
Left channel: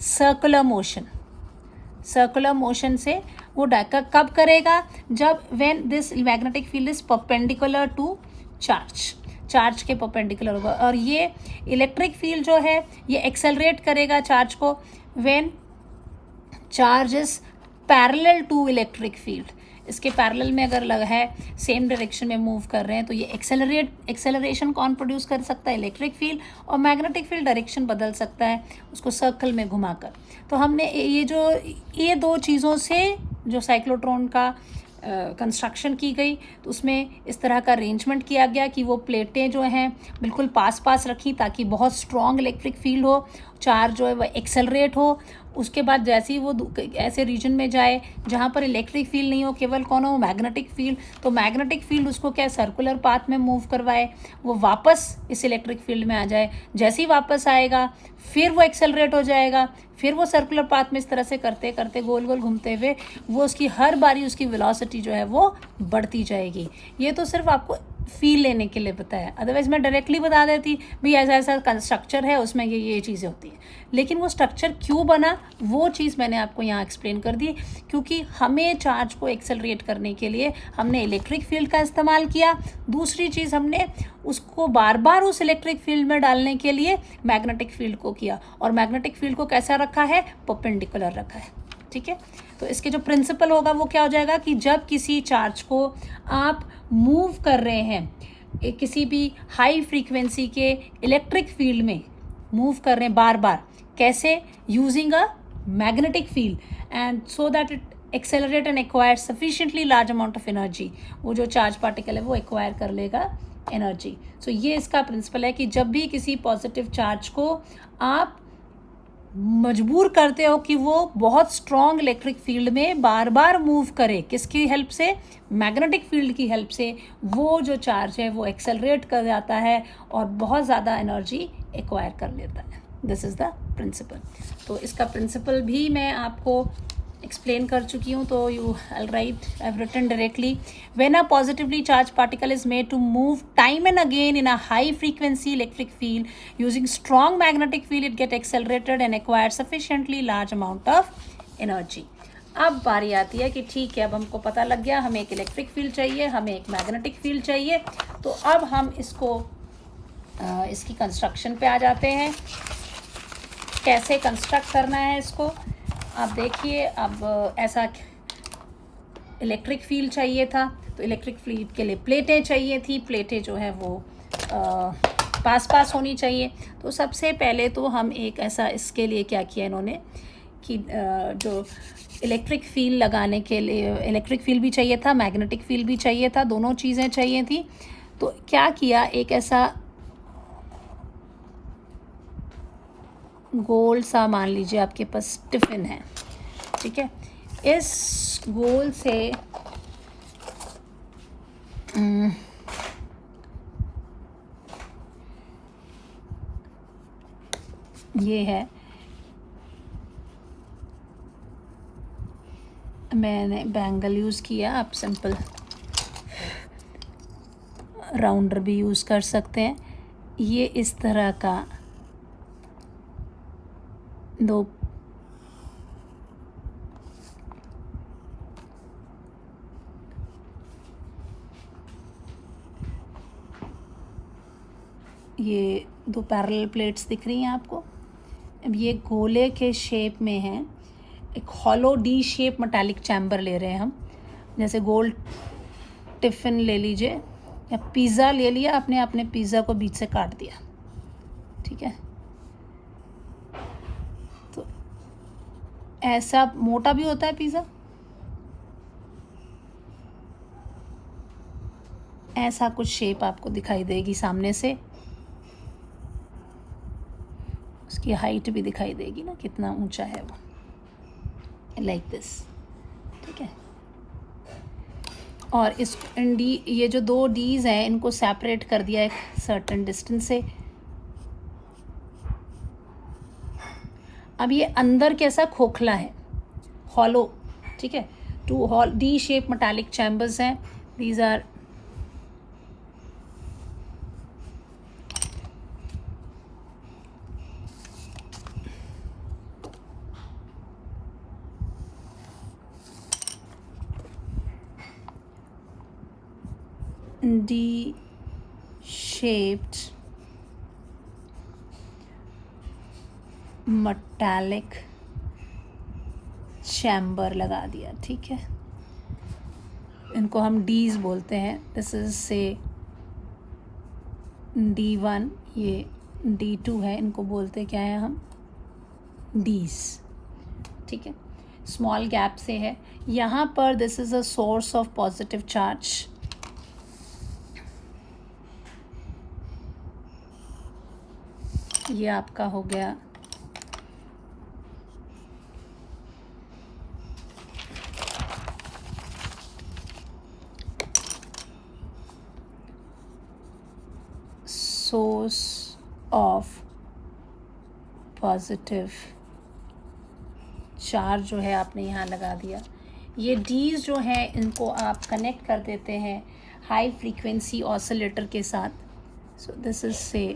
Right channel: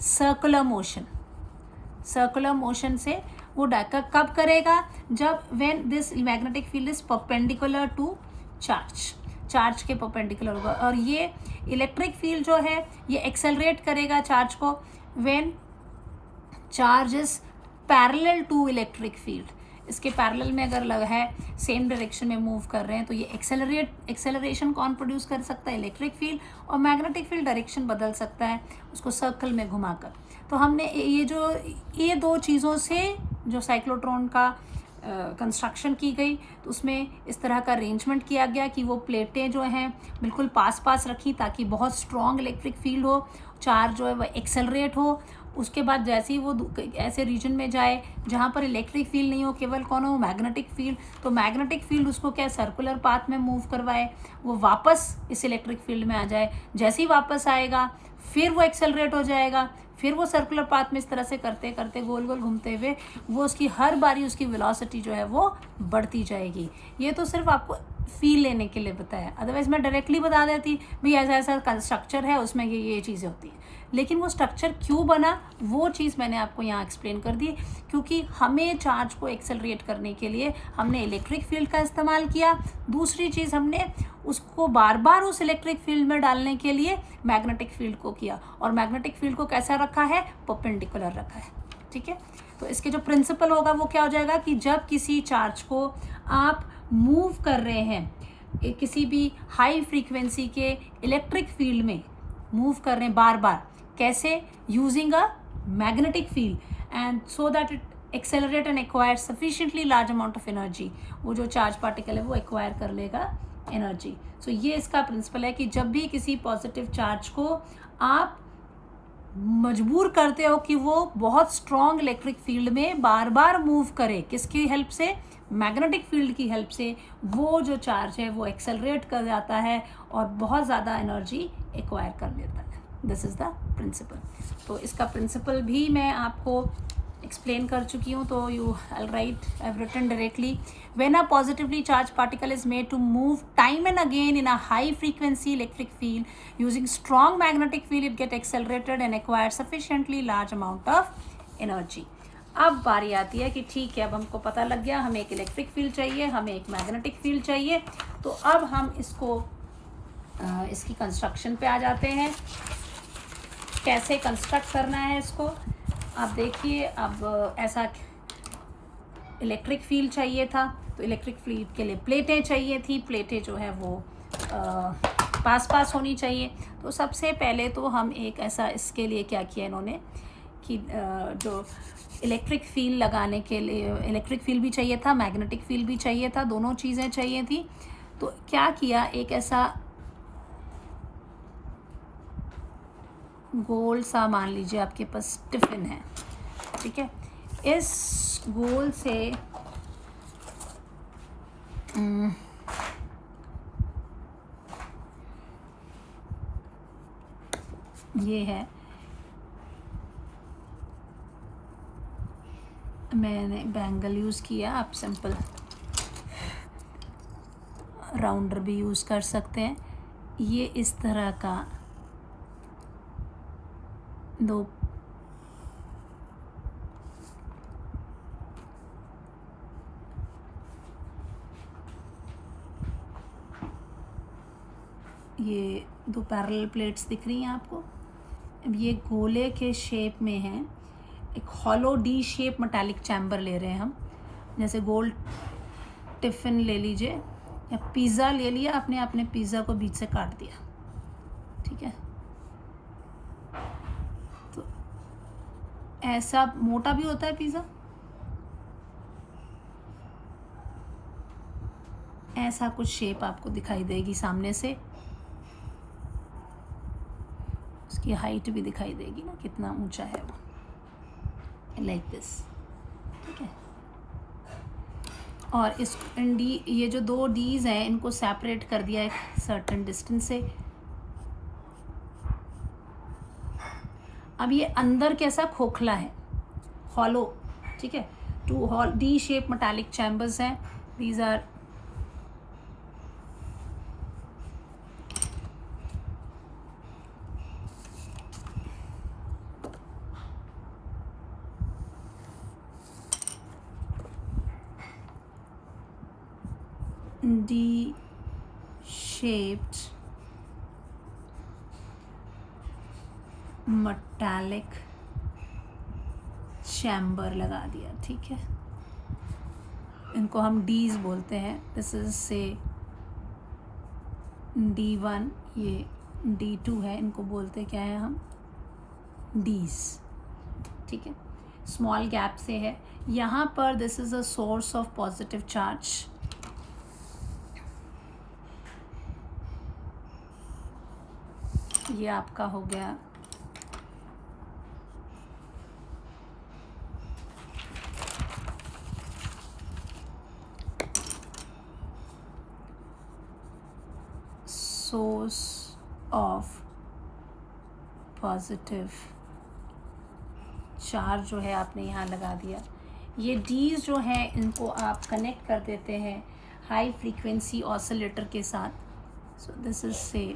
circular motion. Circular motion से वो कब करेगा, जब when this magnetic field is perpendicular to charge के परपेंडिकुलर होगा। और ये इलेक्ट्रिक फील्ड जो है ये एक्सेलरेट करेगा चार्ज को when charge is parallel to electric field. इसके पैरेलल में अगर है, सेम डायरेक्शन में मूव कर रहे हैं, तो ये एक्सेलरेशन कौन प्रोड्यूस कर सकता है, इलेक्ट्रिक फील्ड, और मैग्नेटिक फील्ड डायरेक्शन बदल सकता है उसको सर्कल में घुमाकर। तो हमने ये दो चीज़ों से जो साइक्लोट्रॉन का कंस्ट्रक्शन की गई, तो उसमें इस तरह का अरेंजमेंट किया गया कि वो प्लेटें जो हैं बिल्कुल पास रखी ताकि बहुत स्ट्रॉन्ग इलेक्ट्रिक फील्ड हो, चार्ज जो है वह एक्सेलरेट हो। उसके बाद जैसे ही वो ऐसे रीजन में जाए जहाँ पर इलेक्ट्रिक फील्ड नहीं हो, केवल कौन हो, मैग्नेटिक फील्ड, तो मैग्नेटिक फील्ड उसको क्या सर्कुलर पाथ में मूव करवाए, वो वापस इस इलेक्ट्रिक फील्ड में आ जाए। जैसे ही वापस आएगा फिर वो एक्सेलरेट हो जाएगा, फिर वो सर्कुलर पाथ में इस तरह से करते करते गोल गोल घूमते हुए वो उसकी हर बारी उसकी वेलोसिटी जो है वो बढ़ती जाएगी। ये तो सिर्फ आपको फील लेने के लिए बताया, अदरवाइज मैं डायरेक्टली बता देती भी ऐसा ऐसा स्ट्रक्चर है, उसमें ये चीज़ें होती हैं। लेकिन वो स्ट्रक्चर क्यों बना वो चीज़ मैंने आपको यहाँ एक्सप्लेन कर दी, क्योंकि हमें चार्ज को एक्सेलरेट करने के लिए हमने इलेक्ट्रिक फील्ड का इस्तेमाल किया। दूसरी चीज़ हमने उसको बार बार उस इलेक्ट्रिक फील्ड में डालने के लिए मैग्नेटिक फील्ड को किया, और मैग्नेटिक फील्ड को कैसा रखा है, परपेंडिकुलर रखा है। ठीक है, तो इसके जो प्रिंसिपल होगा वो क्या हो जाएगा कि जब किसी चार्ज को आप मूव कर रहे हैं किसी भी हाई फ्रीक्वेंसी के इलेक्ट्रिक फील्ड में मूव कर रहे हैं बार बार, कैसे, using a magnetic field, and so that it accelerate and acquire sufficiently large amount of energy, वो जो चार्ज पार्टिकल है वो एक्वायर कर लेगा एनर्जी। सो ये इसका प्रिंसिपल है कि जब भी किसी पॉजिटिव चार्ज को आप मजबूर करते हो कि वो बहुत स्ट्रॉन्ग इलेक्ट्रिक फील्ड में बार बार मूव करे, किसकी हेल्प से, मैग्नेटिक फील्ड की हेल्प से, वो जो चार्ज है वो एक्सेलरेट कर जाता है और बहुत ज़्यादा एनर्जी एक्वायर कर लेता है। This is the principle. तो इसका प्रिंसिपल भी मैं आपको एक्सप्लेन कर चुकी हूँ, तो you I write, I have written directly, when a positively charge particle is made to move time and again in a high frequency electric field using strong magnetic field, it get accelerated and acquire sufficiently large amount of energy. अब बारी आती है कि ठीक है, अब हमको पता लग गया हमें एक इलेक्ट्रिक फील्ड चाहिए, हमें एक मैग्नेटिक फील्ड चाहिए, तो अब हम इसको इसकी कंस्ट्रक्शन पे आ जाते हैं, कैसे कंस्ट्रक्ट करना है इसको। अब देखिए, अब ऐसा इलेक्ट्रिक फील्ड चाहिए था, तो इलेक्ट्रिक फील्ड के लिए प्लेटें चाहिए थी, प्लेटें जो है वो पास पास होनी चाहिए। तो सबसे पहले तो हम एक ऐसा, इसके लिए क्या किया इन्होंने कि जो इलेक्ट्रिक फील्ड लगाने के लिए, इलेक्ट्रिक फील्ड भी चाहिए था, मैग्नेटिक फील्ड भी चाहिए था, दोनों चीज़ें चाहिए थी। तो क्या किया, एक ऐसा गोल सा, मान लीजिए आपके पास टिफ़िन है, ठीक है, इस गोल से ये है, मैंने बैंगल यूज़ किया, आप सिंपल राउंडर भी यूज़ कर सकते हैं। ये इस तरह का दो ये दो पैरेलल प्लेट्स दिख रही हैं आपको। अब ये गोले के शेप में है, एक hollow D shape metallic chamber ले रहे हैं हम। जैसे गोल टिफ़िन ले लीजिए, या पिज़्ज़ा ले लिया आपने, अपने पिज़्ज़ा को बीच से काट दिया, ठीक है। तो ऐसा मोटा भी होता है पिज़्ज़ा, ऐसा कुछ शेप आपको दिखाई देगी सामने से, उसकी हाइट भी दिखाई देगी ना, कितना ऊंचा है वो, लाइक दिस, ठीक है। और इस डी, ये जो दो डीज हैं इनको सेपरेट कर दिया एक सर्टेन डिस्टेंस से। अब ये अंदर कैसा खोखला है, हॉलो, ठीक है। Two hollow D shape metallic chambers हैं, these are D shaped metallic chamber लगा दिया, ठीक है। इनको हम डीज बोलते हैं, दिस इज से D1, ये D2 है, इनको बोलते क्या है हम, डीज, ठीक है। स्मॉल गैप से है यहाँ पर, this is a source of positive charge, ये आपका हो गया सोर्स ऑफ पॉजिटिव चार्ज, जो है आपने यहाँ लगा दिया। ये डीज जो हैं इनको आप कनेक्ट कर देते हैं हाई फ्रीक्वेंसी ऑसिलेटर के साथ। सो दिस इज से,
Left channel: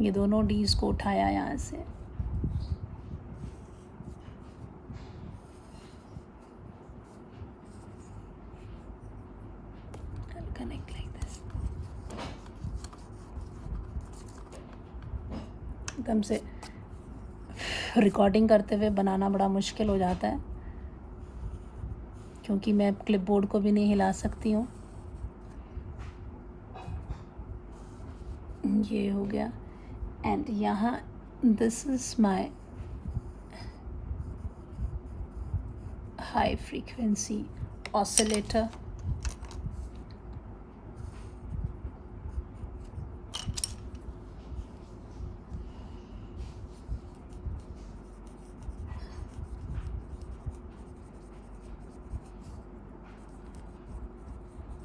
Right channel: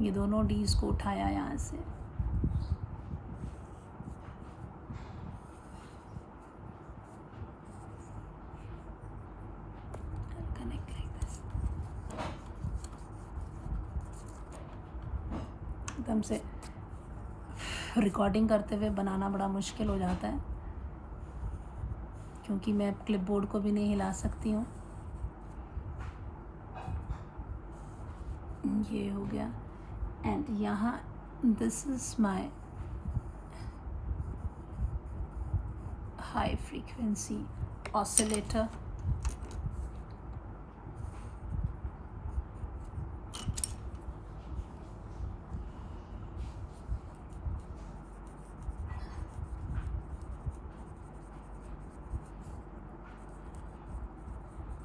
ये दोनों डीज को उठाया यहाँ से, कनेक्ट लाइक दिस, एकदम से रिकॉर्डिंग करते हुए बनाना बड़ा मुश्किल हो जाता है, क्योंकि मैं क्लिपबोर्ड को भी नहीं हिला सकती हूँ। ये हो गया, एंड यहाँ this is my high frequency oscillator,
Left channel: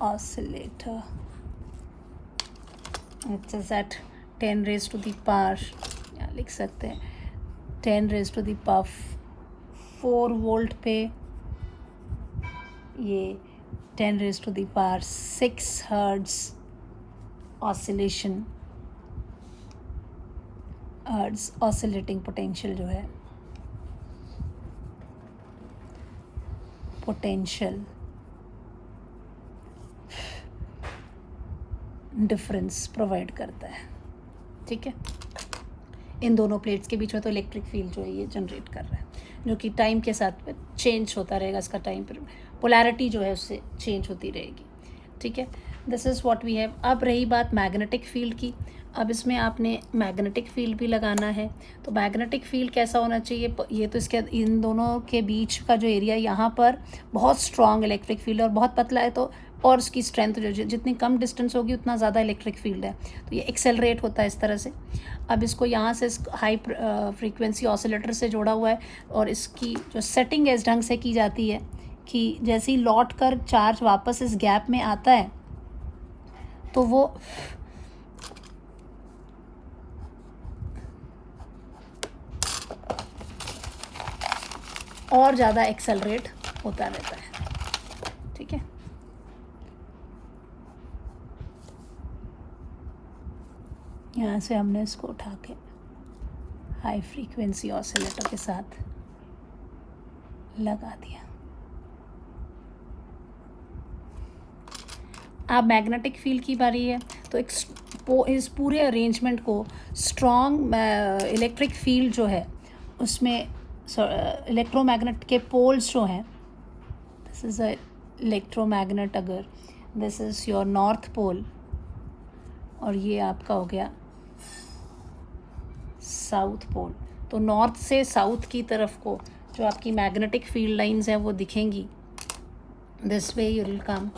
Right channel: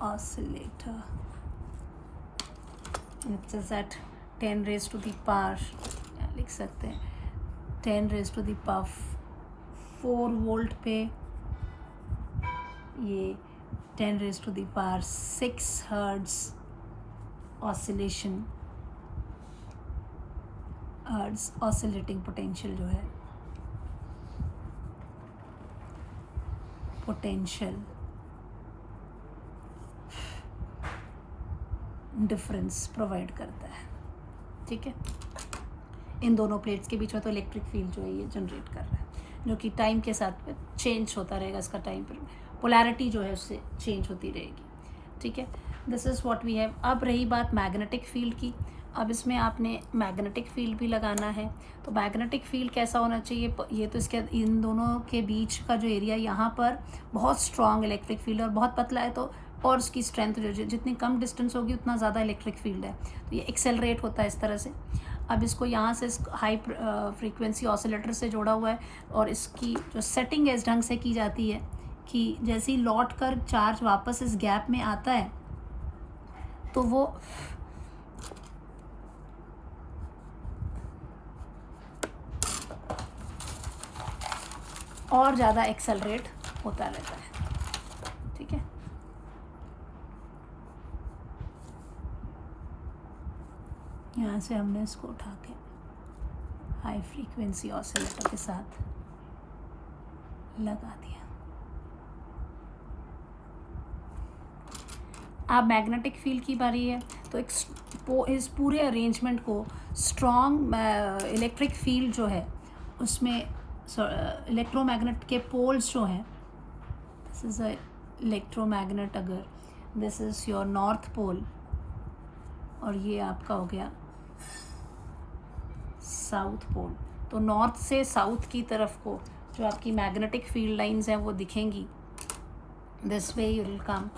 oscillator, it is at 10 raise to the power, लिख सकते हैं 10 raise to the power 4 volt पे ये 10 raise to the power 6 hertz oscillation, hertz oscillating potential जो है, पोटेंशियल डिफरेंस प्रोवाइड करता है। ठीक है, इन दोनों प्लेट्स के बीच में तो इलेक्ट्रिक फील्ड जो है ये जनरेट कर रहा है, जो कि टाइम के साथ चेंज होता रहेगा, इसका टाइम पर पोलैरिटी जो है उससे चेंज होती रहेगी। ठीक है, this is what we have. अब रही बात मैग्नेटिक फील्ड की, अब इसमें आपने मैग्नेटिक फील्ड भी लगाना है। तो मैग्नेटिक फील्ड कैसा होना चाहिए, ये तो इसके इन दोनों के बीच का जो एरिया, यहाँ पर बहुत स्ट्रॉन्ग इलेक्ट्रिक फील्ड है और बहुत पतला है, तो और उसकी स्ट्रेंथ जो जितनी कम डिस्टेंस होगी उतना ज़्यादा इलेक्ट्रिक फील्ड है, तो ये एक्सेलरेट होता है इस तरह से। अब इसको यहाँ से हाई फ्रीक्वेंसी ऑसिलेटर से जोड़ा हुआ है और इसकी जो सेटिंग है इस ढंग से की जाती है कि जैसे ही लौट कर चार्ज वापस इस गैप में आता है तो वो और ज़्यादा एक्सेलरेट होता रहता है। ठीक है, यहाँ से हमने इसको उठा के हाई फ्रीक्वेंसी ऑसिलेटर के साथ लगा दिया। अब मैग्नेटिक फील्ड की बारी है, तो इस पूरे अरेंजमेंट को स्ट्रॉन्ग इलेक्ट्रिक फील्ड जो है उसमें इलेक्ट्रोमैग्नेट के पोल्स जो हैं, दिस इज़ अ इलेक्ट्रोमैग्नेट, अगर this is your north pole और ये आपका हो गया साउथ पोल, तो नॉर्थ से साउथ की तरफ को जो आपकी मैग्नेटिक फील्ड लाइंस हैं वो दिखेंगी। This way you will come,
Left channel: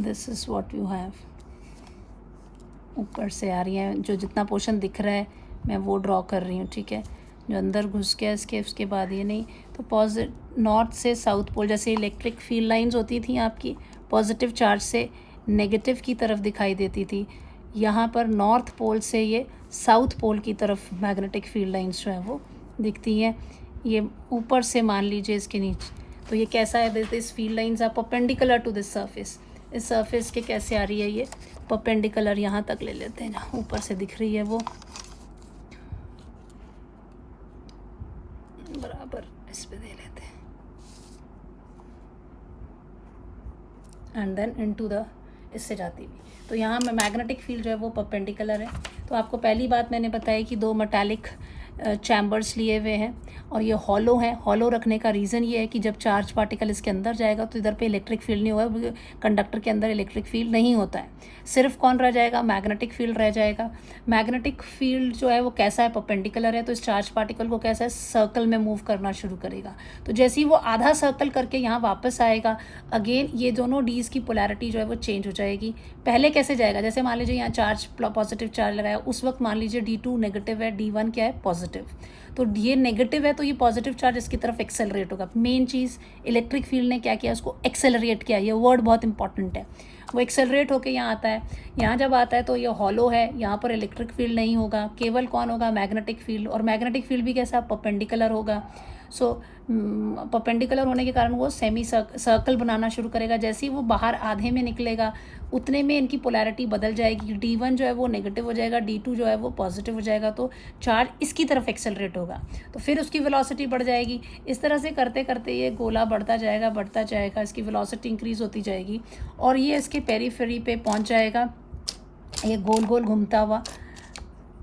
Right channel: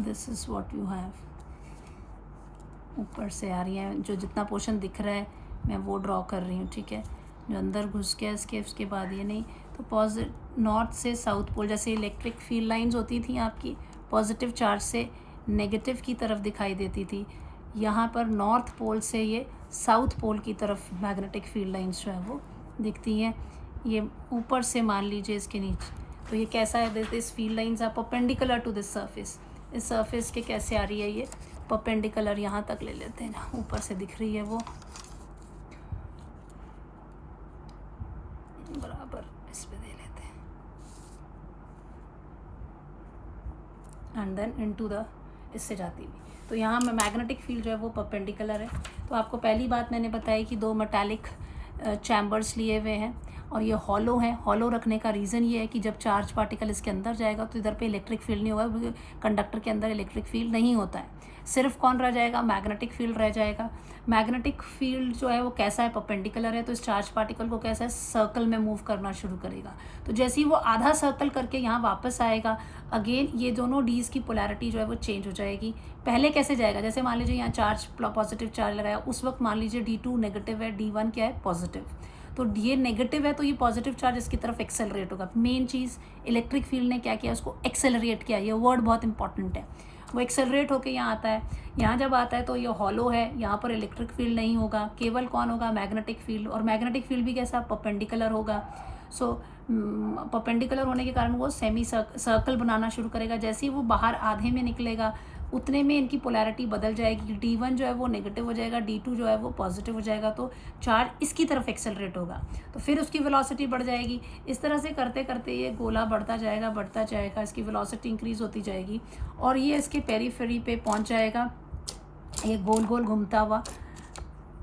this is what you have. ऊपर से आ रही है, जो जितना पोर्शन दिख रहा है मैं वो ड्रॉ कर रही हूँ। ठीक है, जो अंदर घुस गया उसके बाद ये नहीं, तो नॉर्थ से साउथ पोल, जैसे इलेक्ट्रिक फील्ड लाइंस होती थी आपकी पॉजिटिव चार्ज से नेगेटिव की तरफ दिखाई देती थी, यहाँ पर नॉर्थ पोल से ये साउथ पोल की तरफ मैग्नेटिक फील्ड लाइंस जो है वो दिखती हैं। ये ऊपर से मान लीजिए इसके नीचे, तो ये कैसा है, this field lines are perpendicular to this surface, इस सरफेस के कैसे आ रही है ये परपेंडिकुलर, यहाँ तक ले लेते हैं, जहाँ ऊपर से दिख रही है वो बराबर इस पे दे लेते हैं, एंड देन इनटू द इससे जाती हुई, तो यहाँ में मैग्नेटिक फील्ड जो है वो परपेंडिकुलर है। तो आपको पहली बात मैंने बताई कि 2 मेटालिक चैम्बर्स लिए हुए हैं और ये हॉलो हैं। हॉलो रखने का रीज़न ये है कि जब चार्ज पार्टिकल इसके अंदर जाएगा तो इधर पे इलेक्ट्रिक फील्ड नहीं होगा, कंडक्टर के अंदर इलेक्ट्रिक फील्ड नहीं होता है, सिर्फ कौन रह जाएगा, मैग्नेटिक फील्ड रह जाएगा। मैग्नेटिक फील्ड जो है वो कैसा है, परपेंडिकुलर है, तो इस चार्ज पार्टिकल को कैसा है, सर्कल में मूव करना शुरू करेगा। तो जैसे ही वो आधा सर्कल करके यहाँ वापस आएगा, अगेन ये दोनों डीज की पोलैरिटी जो है वो चेंज हो जाएगी। पहले कैसे जाएगा, जैसे मान लीजिए यहाँ चार्ज पॉजिटिव चार्ज लगाया, उस वक्त मान लीजिए D2 नेगेटिव है, D1 क्या है, पॉजिटिव, तो ये नेगेटिव है तो ये पॉजिटिव चार्ज इसकी तरफ एक्सेलरेट होगा। मेन चीज़ इलेक्ट्रिक फील्ड ने क्या किया, उसको एक्सेलरेट किया, ये वर्ड बहुत इंपॉर्टेंट है। वो एक्सेलरेट होके यहाँ आता है, यहाँ जब आता है तो ये हॉलो है, यहाँ पर इलेक्ट्रिक फील्ड नहीं होगा, केवल कौन होगा, मैग्नेटिक फील्ड, और मैग्नेटिक फील्ड भी कैसा, परपेंडिकुलर होगा। सो परपेंडिकुलर होने के कारण वो सेमी सर्कल बनाना शुरू करेगा। जैसे ही वो बाहर आधे में निकलेगा उतने में इनकी पोलैरिटी बदल जाएगी, D1 जो है वो नेगेटिव हो जाएगा, D2 जो है वो पॉजिटिव हो जाएगा, तो चार्ज इसकी तरफ एक्सेलरेट होगा, तो फिर उसकी वेलोसिटी बढ़ जाएगी। इस तरह से करते करते ये गोला बढ़ता जाएगा, इसकी वेलोसिटी इंक्रीज होती जाएगी और ये इसके पेरीफेरी पे पहुंच जाएगा, ये गोल गोल घूमता हुआ,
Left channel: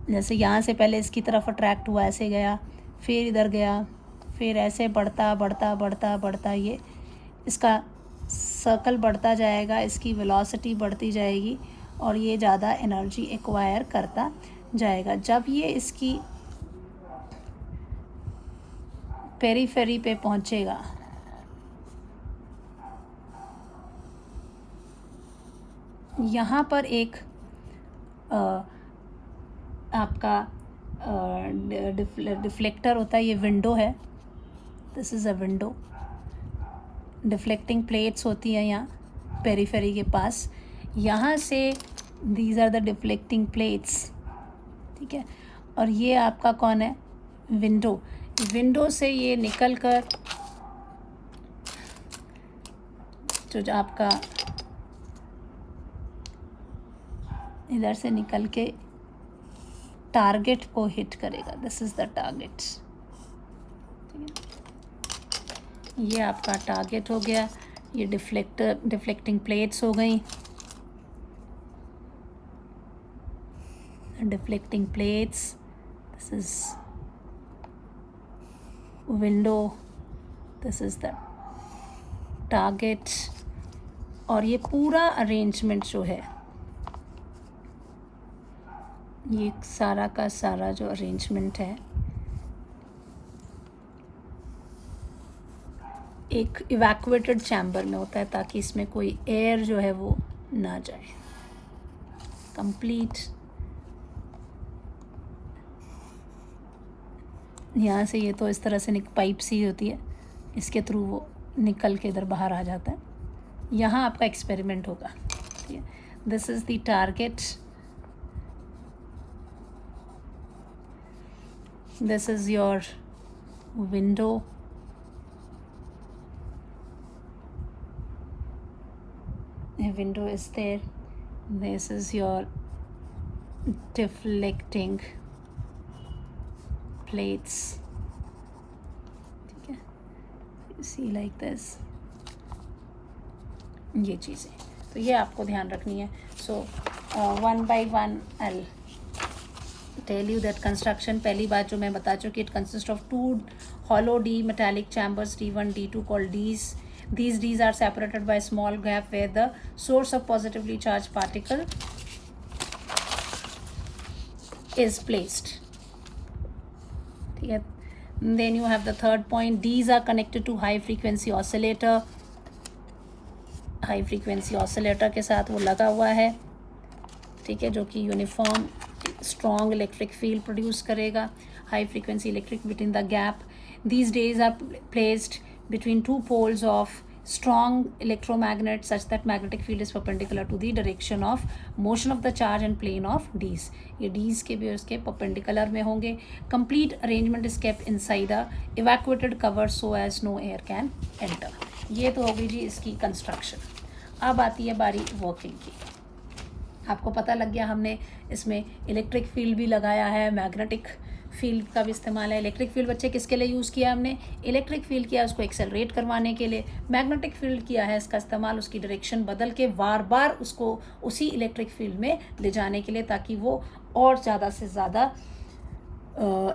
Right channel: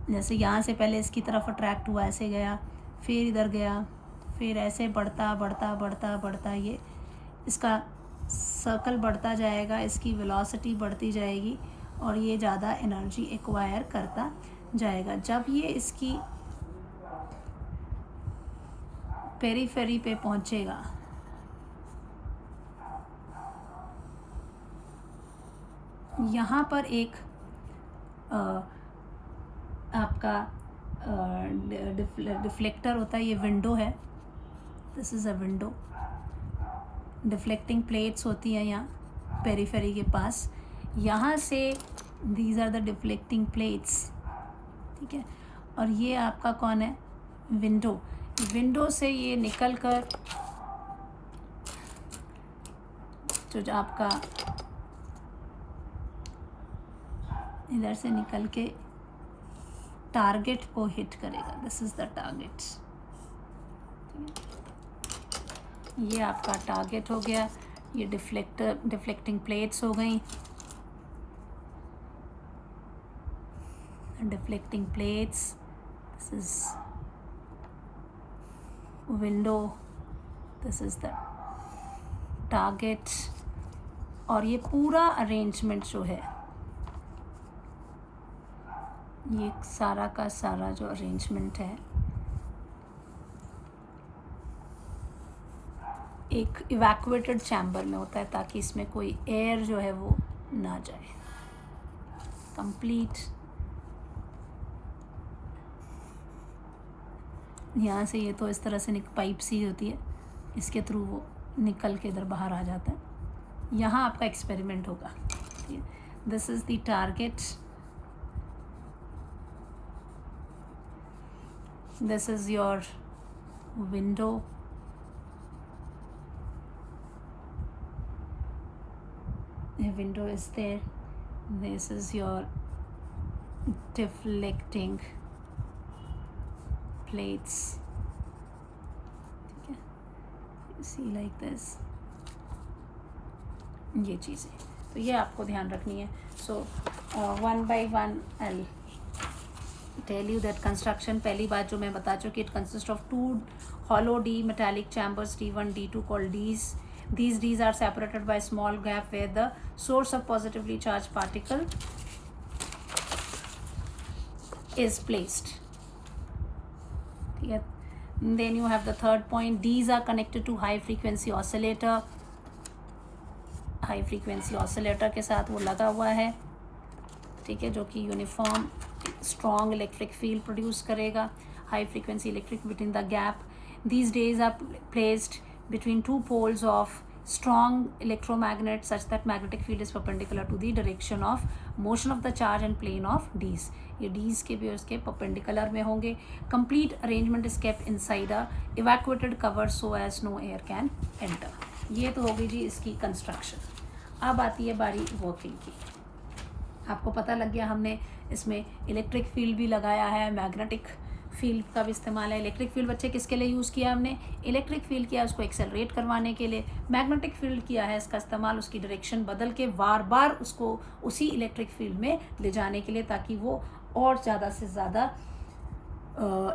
जैसे यहाँ से पहले इसकी तरफ अट्रैक्ट हुआ, ऐसे गया, फिर इधर गया, फिर ऐसे बढ़ता ये इसका सर्कल बढ़ता जाएगा, इसकी वेलोसिटी बढ़ती जाएगी और ये ज़्यादा एनर्जी एक्वायर करता जाएगा। जब ये इसकी पेरीफेरी पे पहुंचेगा, यहाँ पर एक आपका डिफ्लेक्टर होता है, ये विंडो है, this is a window, deflecting plates होती हैं यहाँ, पेरीफेरी के पास। यहाँ से these are the deflecting plates, ठीक है। और ये आपका कौन है, विंडो। विंडो से ये निकल कर जो आपका इधर से निकल के टारगेट को हिट करेगा। This is the target. ये आपका टारगेट हो गया। ये डिफ्लेक्टिंग प्लेट्स हो गई, deflecting plates. This is window, this is the target. और ये पूरा अरेंजमेंट जो है, ये सारा का सारा जो अरेंजमेंट है, एक इवैक्यूएटेड चैम्बर में होता है ताकि इसमें कोई एयर जो है वो ना जाए। कंप्लीट यहाँ से, ये तो इस तरह से पाइप सी होती है, इसके थ्रू वो निकल के इधर बाहर आ जाता है। यहाँ आपका एक्सपेरिमेंट होगा। This is the target, this is your window, a window is there, this is your deflecting plates, ठीक है। see like this, ये चीज़ें तो ये आपको ध्यान रखनी है। सो 1 by 1 I'll tell you that construction। पहली बात जो मैं बता चुकी, it consists of 2 hollow D metallic chambers, D1 D2 called Ds. These Ds are separated by a small gap where the source of positively charged particle is placed, ठीक है। Then you have the third point, Ds are connected to high frequency oscillator। High frequency oscillator के साथ वो लगा हुआ है, ठीक है, जो कि uniform strong electric field produce करेगा। High frequency electric between the gap, these dees are placed between 2 poles of strong electromagnet such that magnetic field is perpendicular to the direction of motion of the charge and plane of Ds। ये Ds के भी उसके perpendicular में होंगे। Complete arrangement is kept inside a evacuated cover so as no air can enter। ये तो होगी जी इसकी कंस्ट्रक्शन। अब आती है बारी वर्किंग की। आपको पता लग गया हमने इसमें इलेक्ट्रिक फील्ड भी लगाया है, मैग्नेटिक फील्ड का भी इस्तेमाल है। इलेक्ट्रिक फील्ड बच्चे किसके लिए यूज़ किया हमने, इलेक्ट्रिक फील्ड किया उसको एक्सेलरेट करवाने के लिए। मैग्नेटिक फील्ड किया है इसका इस्तेमाल उसकी डायरेक्शन बदल के बार बार उसको उसी इलेक्ट्रिक फील्ड में ले जाने के लिए, ताकि वो और ज़्यादा से ज़्यादा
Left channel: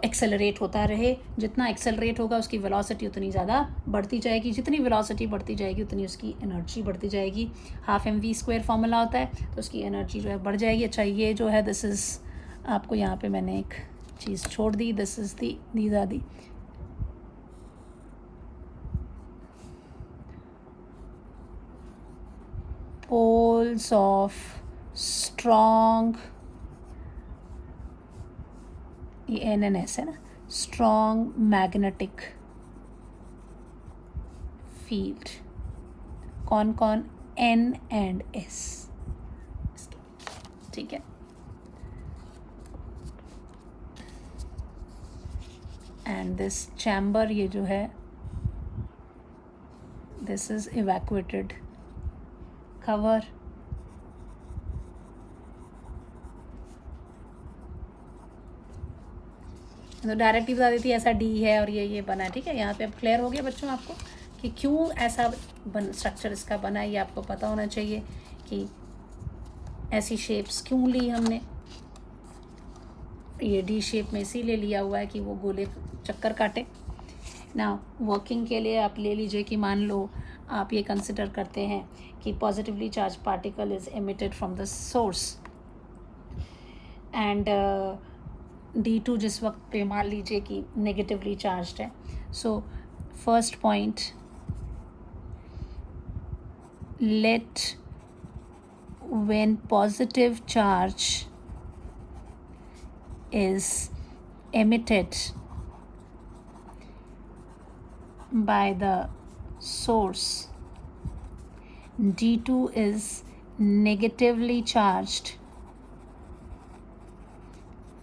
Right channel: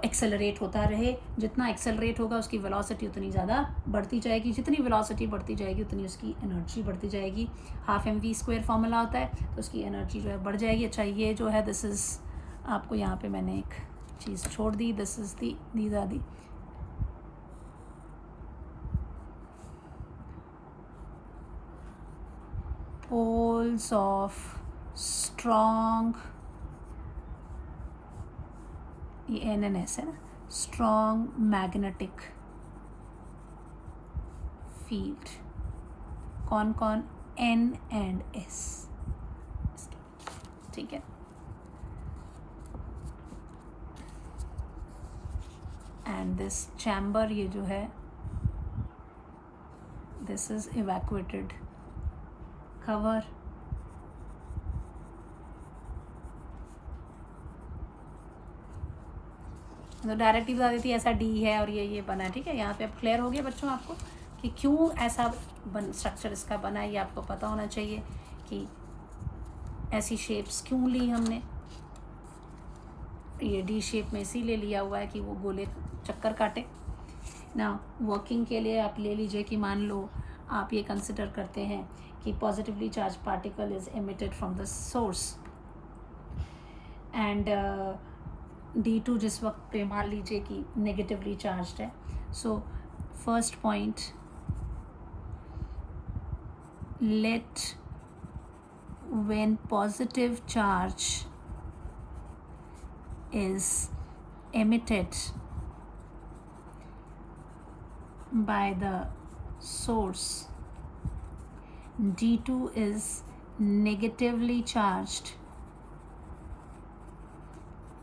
एक्सेलरेट होता रहे। जितना एक्सेलरेट होगा उसकी वेलोसिटी उतनी ज़्यादा बढ़ती जाएगी, जितनी वेलोसिटी बढ़ती जाएगी उतनी उसकी एनर्जी बढ़ती जाएगी। 12mv² फॉर्मूला होता है, तो उसकी एनर्जी जो है बढ़ जाएगी। अच्छा ये जो है दिस इज़, आपको यहाँ पे मैंने एक चीज़ छोड़ दी, this is these are the poles of strong, ये NNS है ना, strong magnetic field। कौन कौन, N and S, ठीक है। एंड दिस चैम्बर, ये जो है दिस इज इवैक्यूएटेड कवर। तो डायरेक्टली बता देती है ऐसा डी है और ये बना है, ठीक है। यहाँ पे अब क्लियर हो गया बच्चों आपको कि क्यों ऐसा स्ट्रक्चर इसका बना है। ये आपको पता होना चाहिए कि ऐसी शेप्स क्यों ली हमने। ये डी शेप में इसीलिए लिया हुआ है कि वो गोले चक्कर काटे ना। वर्किंग के लिए आप ले लीजिए कि मान लो आप ये कंसिडर करते हैं कि positively charge particle is emitted from the source and D2 जिस वक्त पे मान लीजिए कि नेगेटिवली चार्ज्ड है। So first point, let when positive charge is emitted by the source, D2 is negatively charged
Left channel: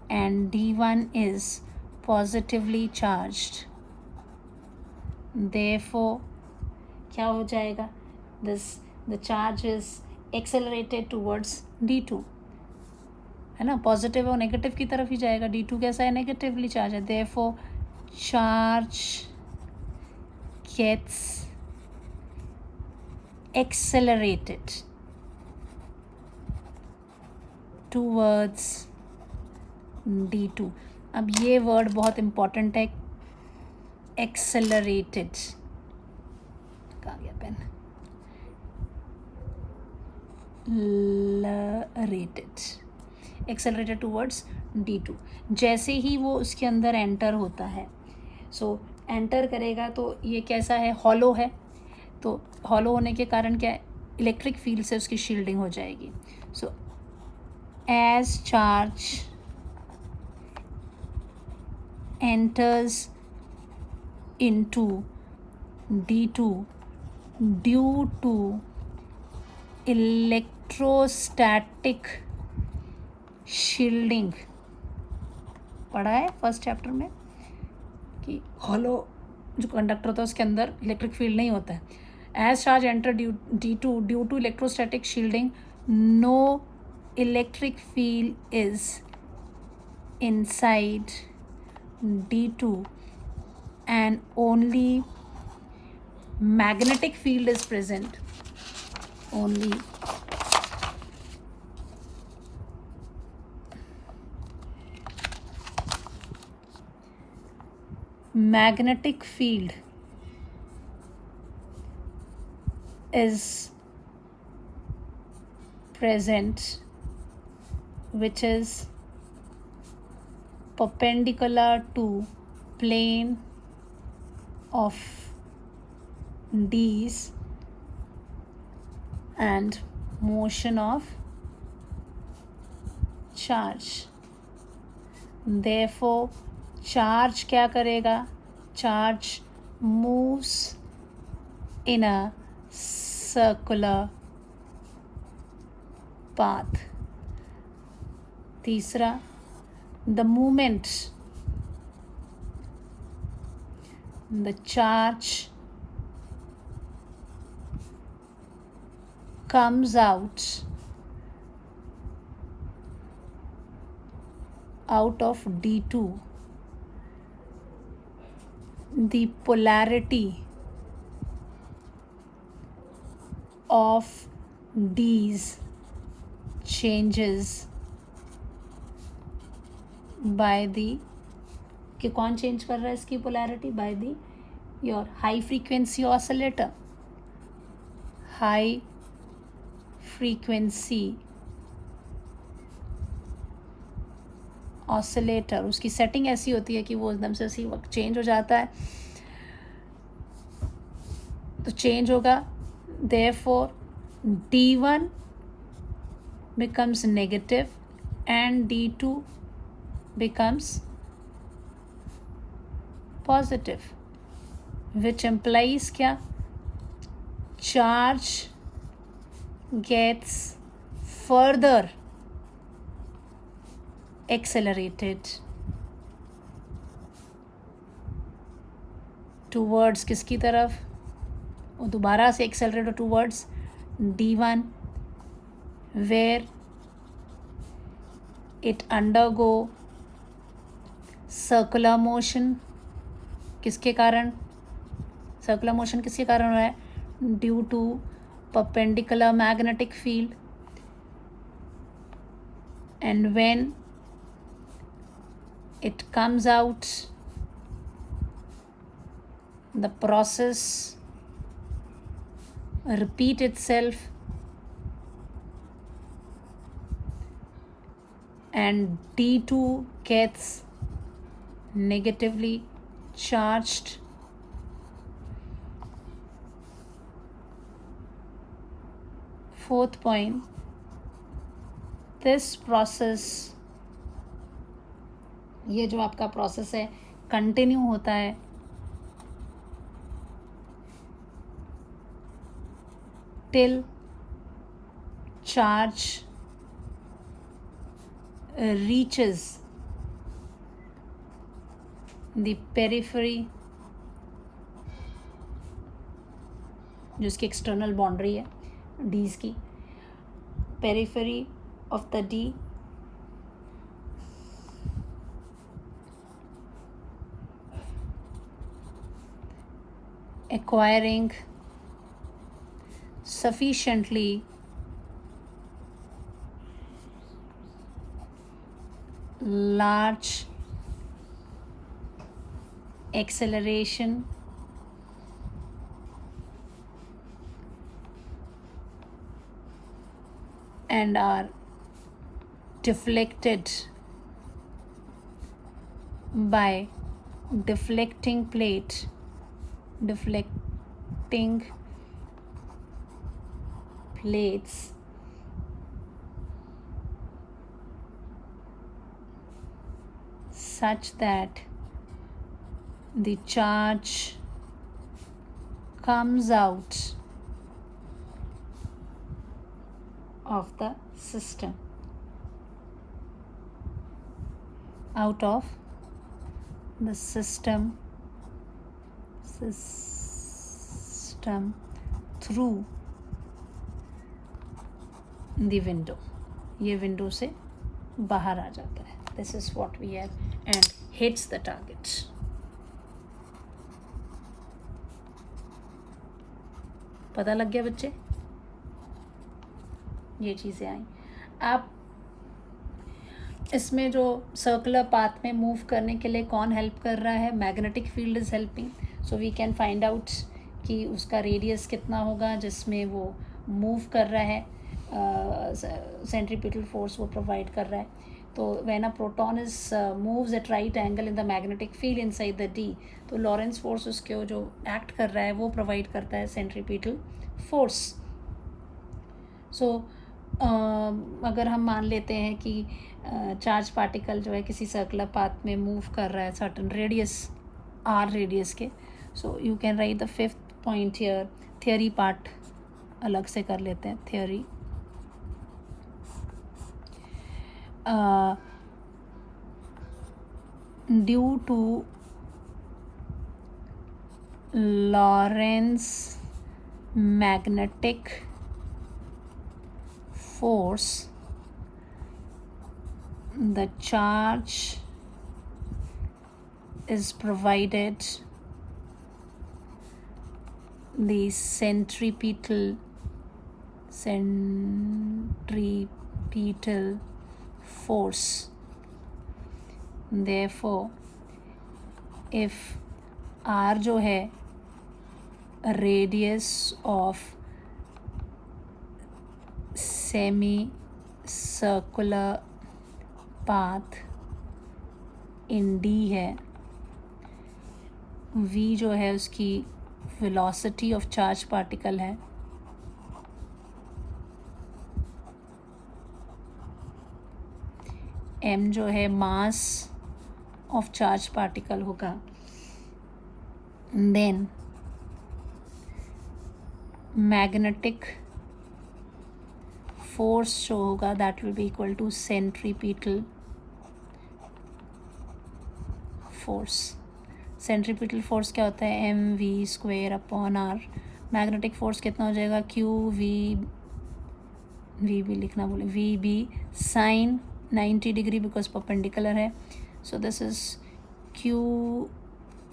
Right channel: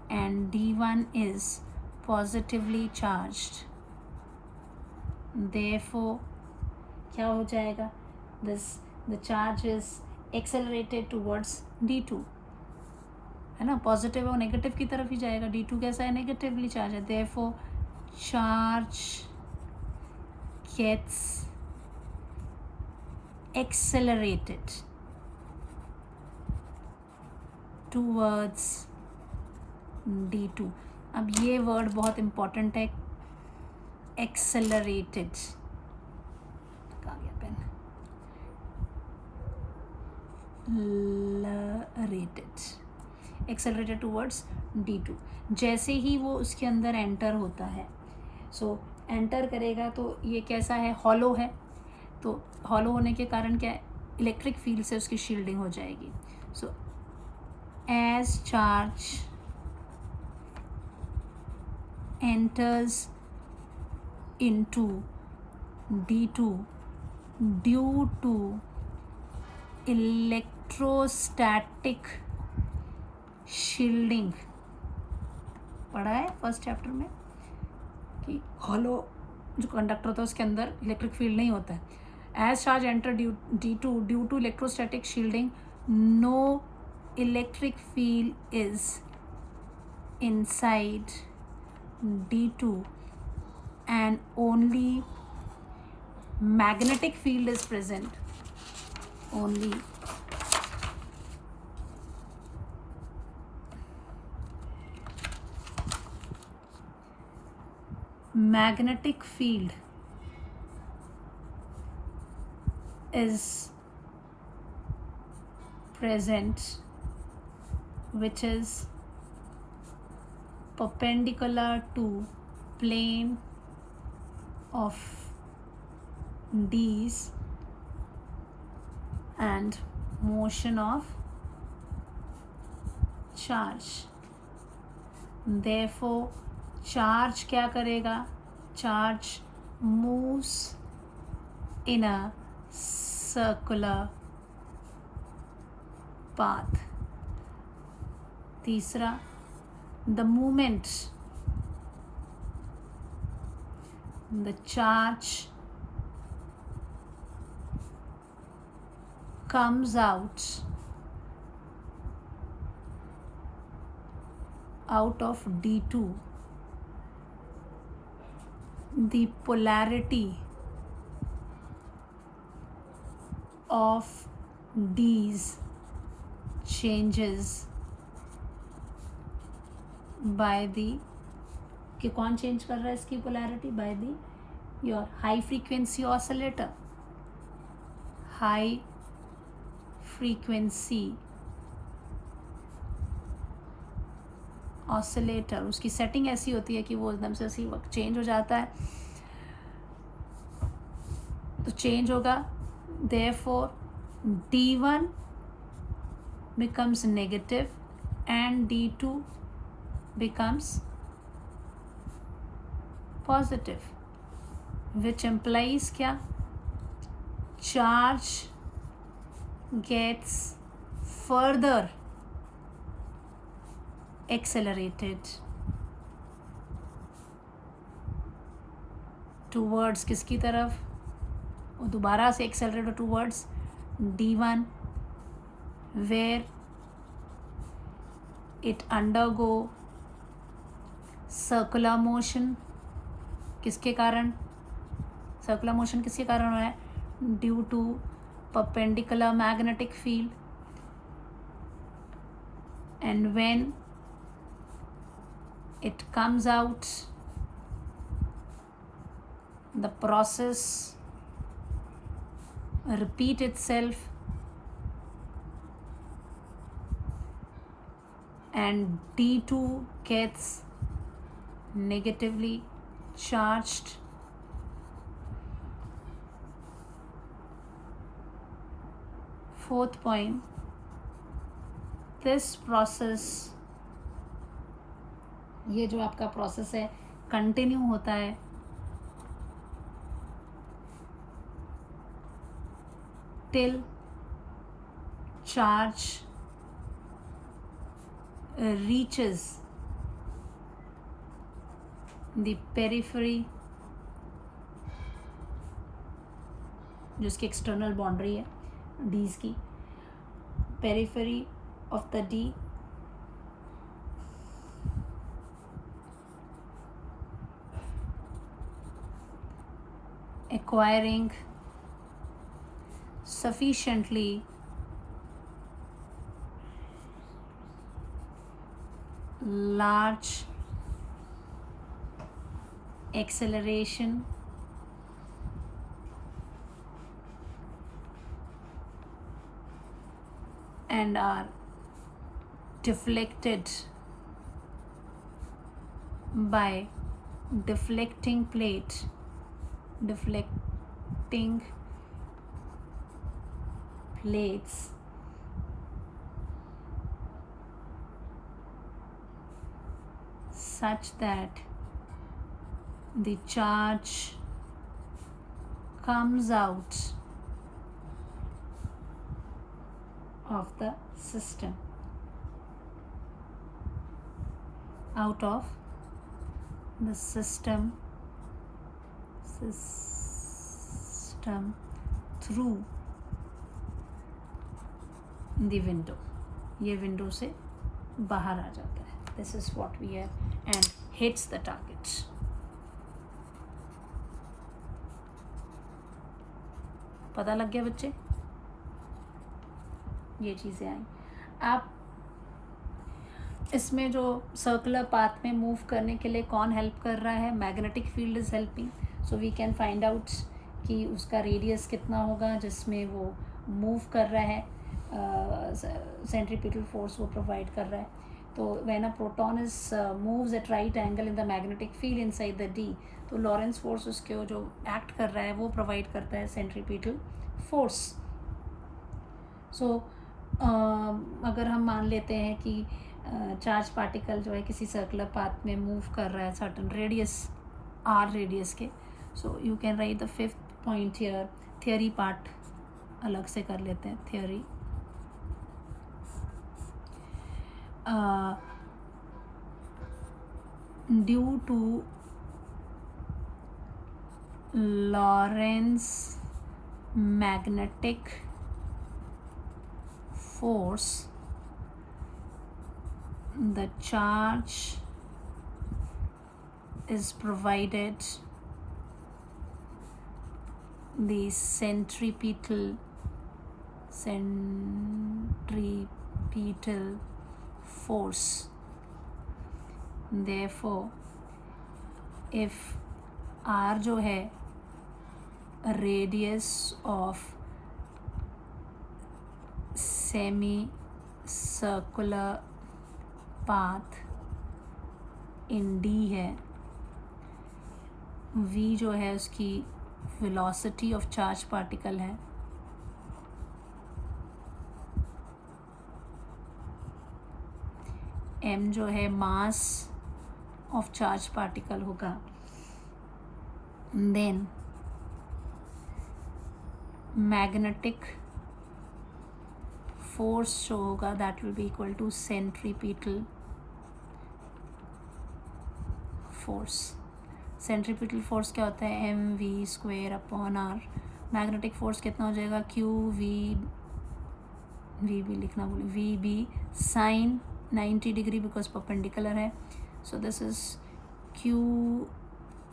and D1 is positively charged. Therefore क्या हो जाएगा? The charge is accelerated towards D2, है ना, पॉजिटिव और negative की तरफ ही जाएगा. D2 कैसा है? नेगेटिवली चार्ज है. Therefore charge gets accelerated towards D2. अब ये वर्ड बहुत इम्पॉर्टेंट है, एक्सेलरेटेड. कहाँ गया पेन? Accelerated towards D2. जैसे ही वो उसके अंदर एंटर होता है, सो एंटर करेगा तो ये कैसा है? हॉलो है. तो हॉलो होने के कारण क्या है? इलेक्ट्रिक फील्ड से उसकी शील्डिंग हो जाएगी. So as charge enters into D2 due to electrostatic shielding. पढ़ा है फर्स्ट चैप्टर में कि हॉलो जो कंडक्टर होता है उसके अंदर इलेक्ट्रिक फील्ड नहीं होता है. As charge enter D2 due to electrostatic shielding, no electric field is inside D2 and only magnetic field is present. Only magnetic field is present, which is perpendicular to plane of D's and motion of charge. Therefore charge क्या करेगा? Charge moves in a circular path. तीसरा, the moment the charge comes out of D2, the polarity of D's changes by the, कि कौन change कर रहा है इसकी polarity? By the your high frequency oscillator. High frequency oscillator, उसकी setting ऐसी होती है कि वो एकदम से उसी वक्त चेंज हो जाता है. तो चेंज होगा. Therefore D1 becomes negative and D2 becomes positive, which implies क्या? Charge gets further accelerated towards किसकी तरफ? वो दोबारा से accelerate towards D1, where it undergo circular motion. किसके कारण? सर्कुलर मोशन किसके कारण हो रहा है? Due to perpendicular magnetic field. And when it comes out, the process repeat itself and D2 gets negatively charged. Fourth point, this process, ये जो आपका प्रोसेस है कंटिन्यू होता है till charge reaches the periphery, जो इसकी एक्सटर्नल बाउंड्री है डीज की, periphery of the D, acquiring sufficiently large acceleration and are deflected by deflecting plates such that the charge comes out of the system, out of the system through the window. ये window से बाहर आ जाता है. This is what we have and hits the target. पता लग गया बच्चे? ये चीज़ें आई. आप इसमें जो सर्कुलर पाथ में मूव करने के लिए कौन हेल्प कर रहा है? Magnetic field is helping. So we can find out कि उसका रेडियस कितना होगा जिसमें वो मूव कर रहा है. सेंट्रीपिटल फोर्स वो प्रोवाइड कर रहा है. तो when a proton is moves eight right angle in the magnetic field inside the D, तो लॉरेंस फोर्स उसके जो एक्ट कर रहा है वो प्रोवाइड करता है सेंट्रीपिटल फोर्स. सो अगर हम मान लेते हैं कि चार्ज पार्टिकल जो है किसी सर्कुलर पाथ में मूव कर रहा है सर्टन रेडियस आर रेडियस के, so you can write the fifth point here. Theory part अलग से कर लेते हैं. Theory due to Lorentz magnetic force, the charge is provided the centripetal force. Therefore, if R जो है radius of semi-circular path in D है, V जो है उसकी velocity of charge particle है, M जो है mass of charge particle होगा, then magnetic फोर्स जो होगा that will be equal to centripetal force. Centripetal force क्या होता है? M v square upon r. Magnetic force कितना हो जाएगा? क्यू वी भी लिखना बोले, v B sine 90 degree because perpendicular है. So this is q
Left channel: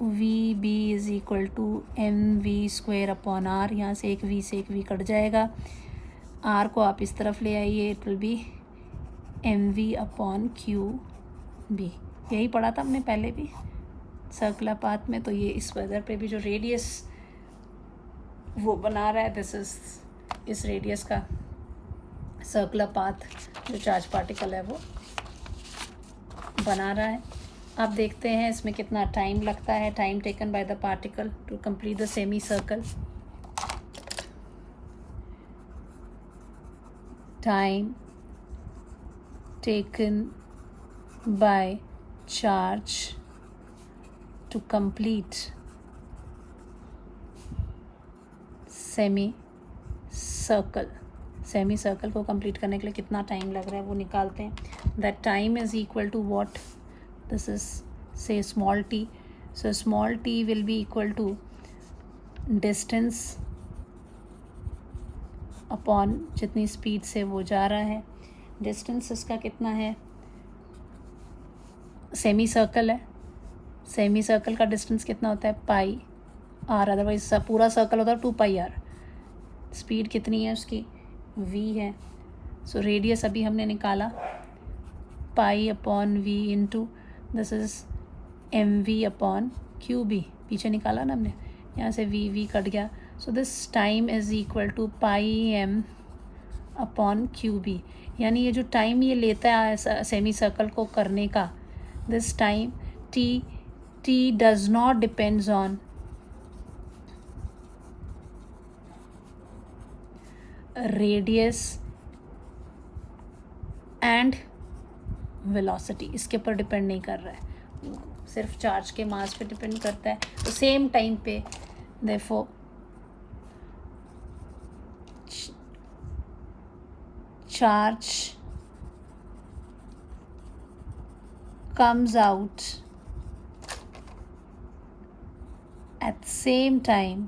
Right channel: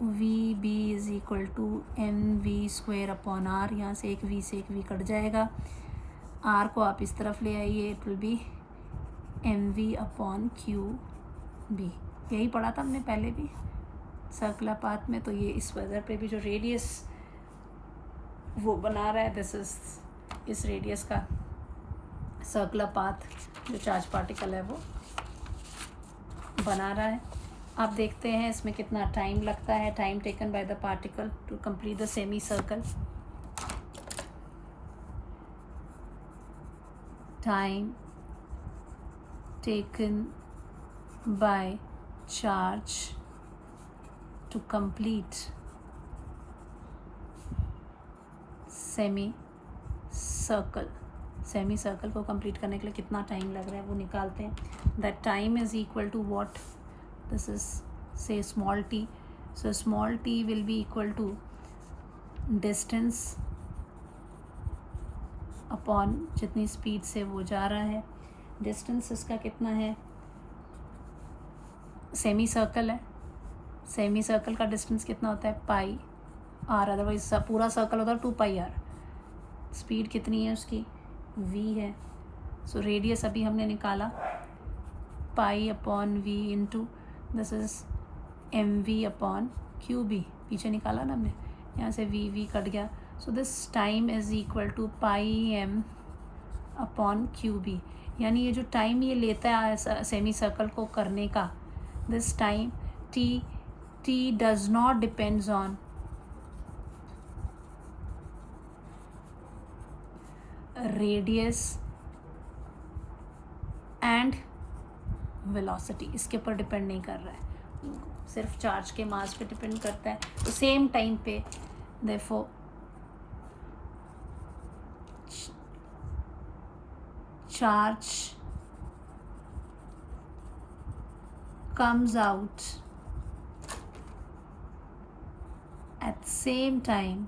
we b is equal to m v square upon r. यहाँ से एक वी कट जाएगा. आर को आप इस तरफ ले आइए, it will be m v upon q B. यही पढ़ा था हमने पहले भी सर्कुलर पाथ में. तो ये इस वजह पे भी जो रेडियस वो बना रहा है, दिस इज इस रेडियस का सर्कुलर पाथ जो चार्ज पार्टिकल है वो बना रहा है. आप देखते हैं इसमें कितना टाइम लगता है. Time taken by the particle to complete the semi circle. Time taken by charge to complete semi circle, semi circle को कंप्लीट करने के लिए कितना टाइम लग रहा है वो निकालते हैं. That time is equal to what, this is से small t. So small t will be equal to distance upon जितनी स्पीड से वो जा रहा है. डिस्टेंस इसका कितना है, सेमी सर्कल है, सेमी सर्कल का डिस्टेंस कितना होता है पाई आर, अदरवाइज पूरा सर्कल होता है 2 पाई आर. स्पीड कितनी है उसकी, v है. सो रेडियस अभी हमने निकाला pi upon v into this is m v upon q B, पीछे निकाला ना हमने, यहाँ से v कट गया. So this time is equal to pi m upon q B. यानी ये जो टाइम ये लेता है सेमी सर्कल को करने का, this time t does not depends on radius and velocity, इसके ऊपर डिपेंड नहीं कर रहा है, सिर्फ चार्ज के मास पे डिपेंड करता है. तो सेम टाइम पे therefore charge comes out at same time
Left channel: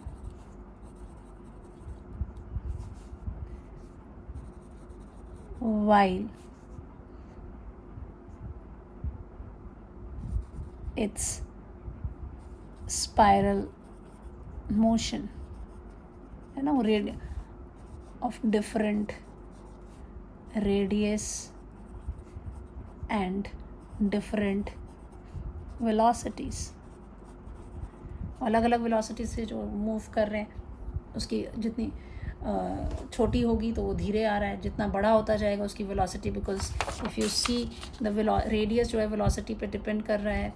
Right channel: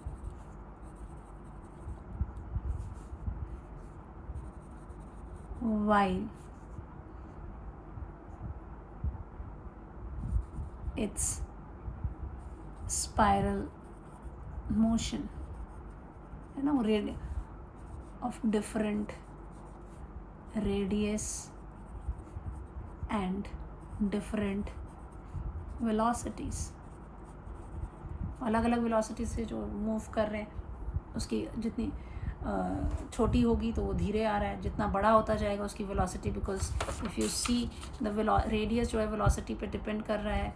while it's spiral motion, है ना, of different radius and different velocities. अलग अलग वेलोसिटी से जो मूव कर रहे हैं उसकी जितनी छोटी होगी तो वो धीरे आ रहा है, जितना बड़ा होता जाएगा उसकी velocity, because if you see the radius जो है वेलोसिटी पे डिपेंड कर रहा है.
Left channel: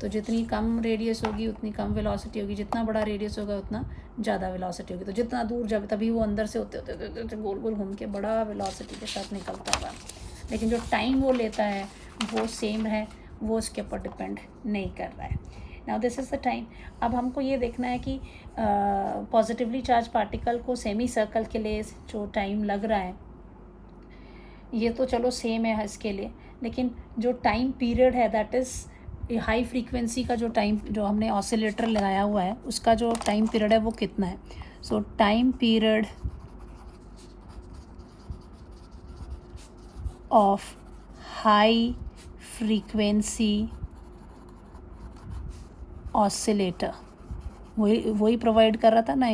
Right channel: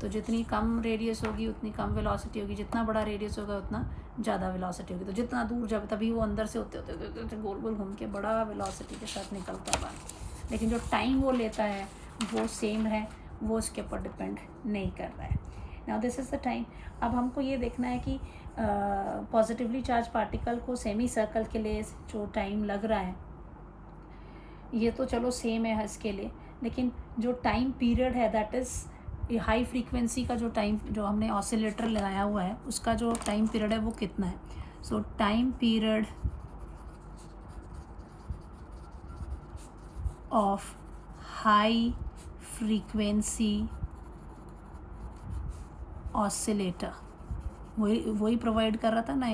तो जितनी कम रेडियस होगी उतनी कम वेलोसिटी होगी, जितना बड़ा रेडियस होगा उतना ज़्यादा वेलोसिटी होगी. तो जितना दूर जब तभी वो अंदर से होते होते होते होते गोल गोल घूम के बड़ा वेलोसिटी के साथ निकलता होगा. लेकिन जो टाइम वो लेता है वो सेम है, वो उसके ऊपर डिपेंड नहीं कर रहा है. Now this is the time. अब हमको ये देखना है कि पॉजिटिवली चार्ज पार्टिकल को सेमी सर्कल के लिए जो टाइम लग रहा है ये तो चलो सेम है इसके लिए, लेकिन जो टाइम पीरियड है दैट इज़ हाई फ्रीक्वेंसी का जो टाइम जो हमने ऑसिलेटर लगाया हुआ है उसका जो टाइम पीरियड है वो कितना है. सो time period of high frequency oscillator वही प्रोवाइड कर रहा था ना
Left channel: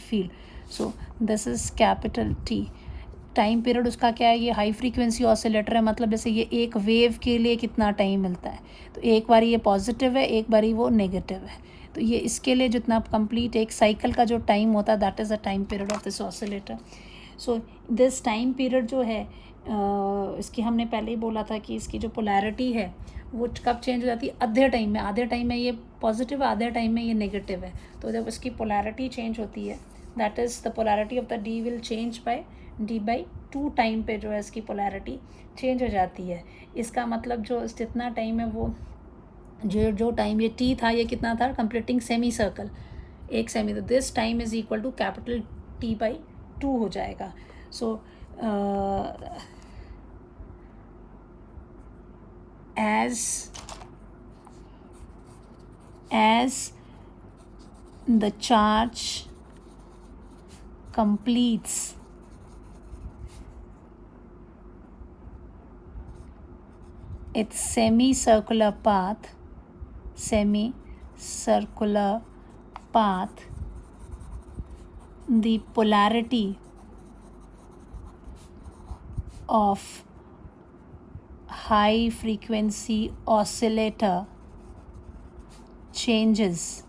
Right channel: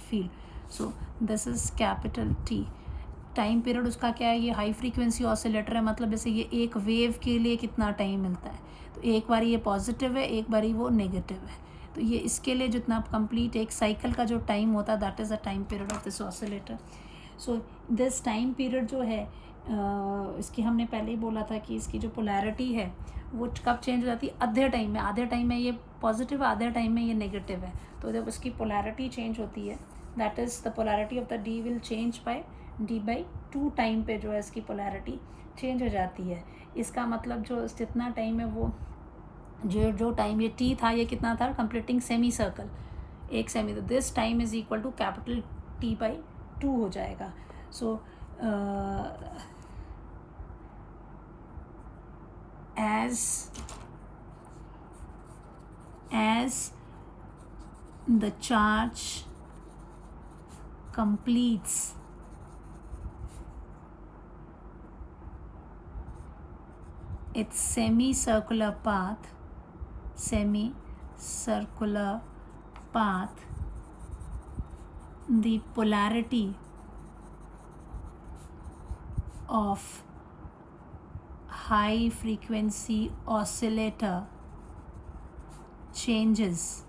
field. So this is capital T. Time period उसका क्या है, ये हाई फ्रीक्वेंसी ऑसिलेटर है, मतलब जैसे ये एक वेव के लिए कितना टाइम मिलता है, तो एक बारी ये पॉजिटिव है एक बारी वो नेगेटिव है. तो ये इसके लिए जितना कंप्लीट एक साइकिल का जो टाइम होता है that is the time period of this oscillator. So this time period जो है इसकी हमने पहले ही बोला था कि इसकी जो पोलैरिटी है वो कब चेंज हो जाती है, आधे टाइम में ये पॉजिटिव है, आधे टाइम में ये नेगेटिव है. तो जब इसकी पोलैरिटी चेंज होती है that is the polarity of the D will change bye d/2 time पे जो है इसकी पोलैरिटी चेंज हो जाती है. इसका मतलब जो जितना टाइम है वो जो टाइम ये t था ये कितना था, कंप्लीटिंग सेमी सर्कल एक सेमी, तो this time is equal to capital T/2 हो जाएगा. सो as the charge completes its semicircular path, the polarity of high frequency oscillator changes.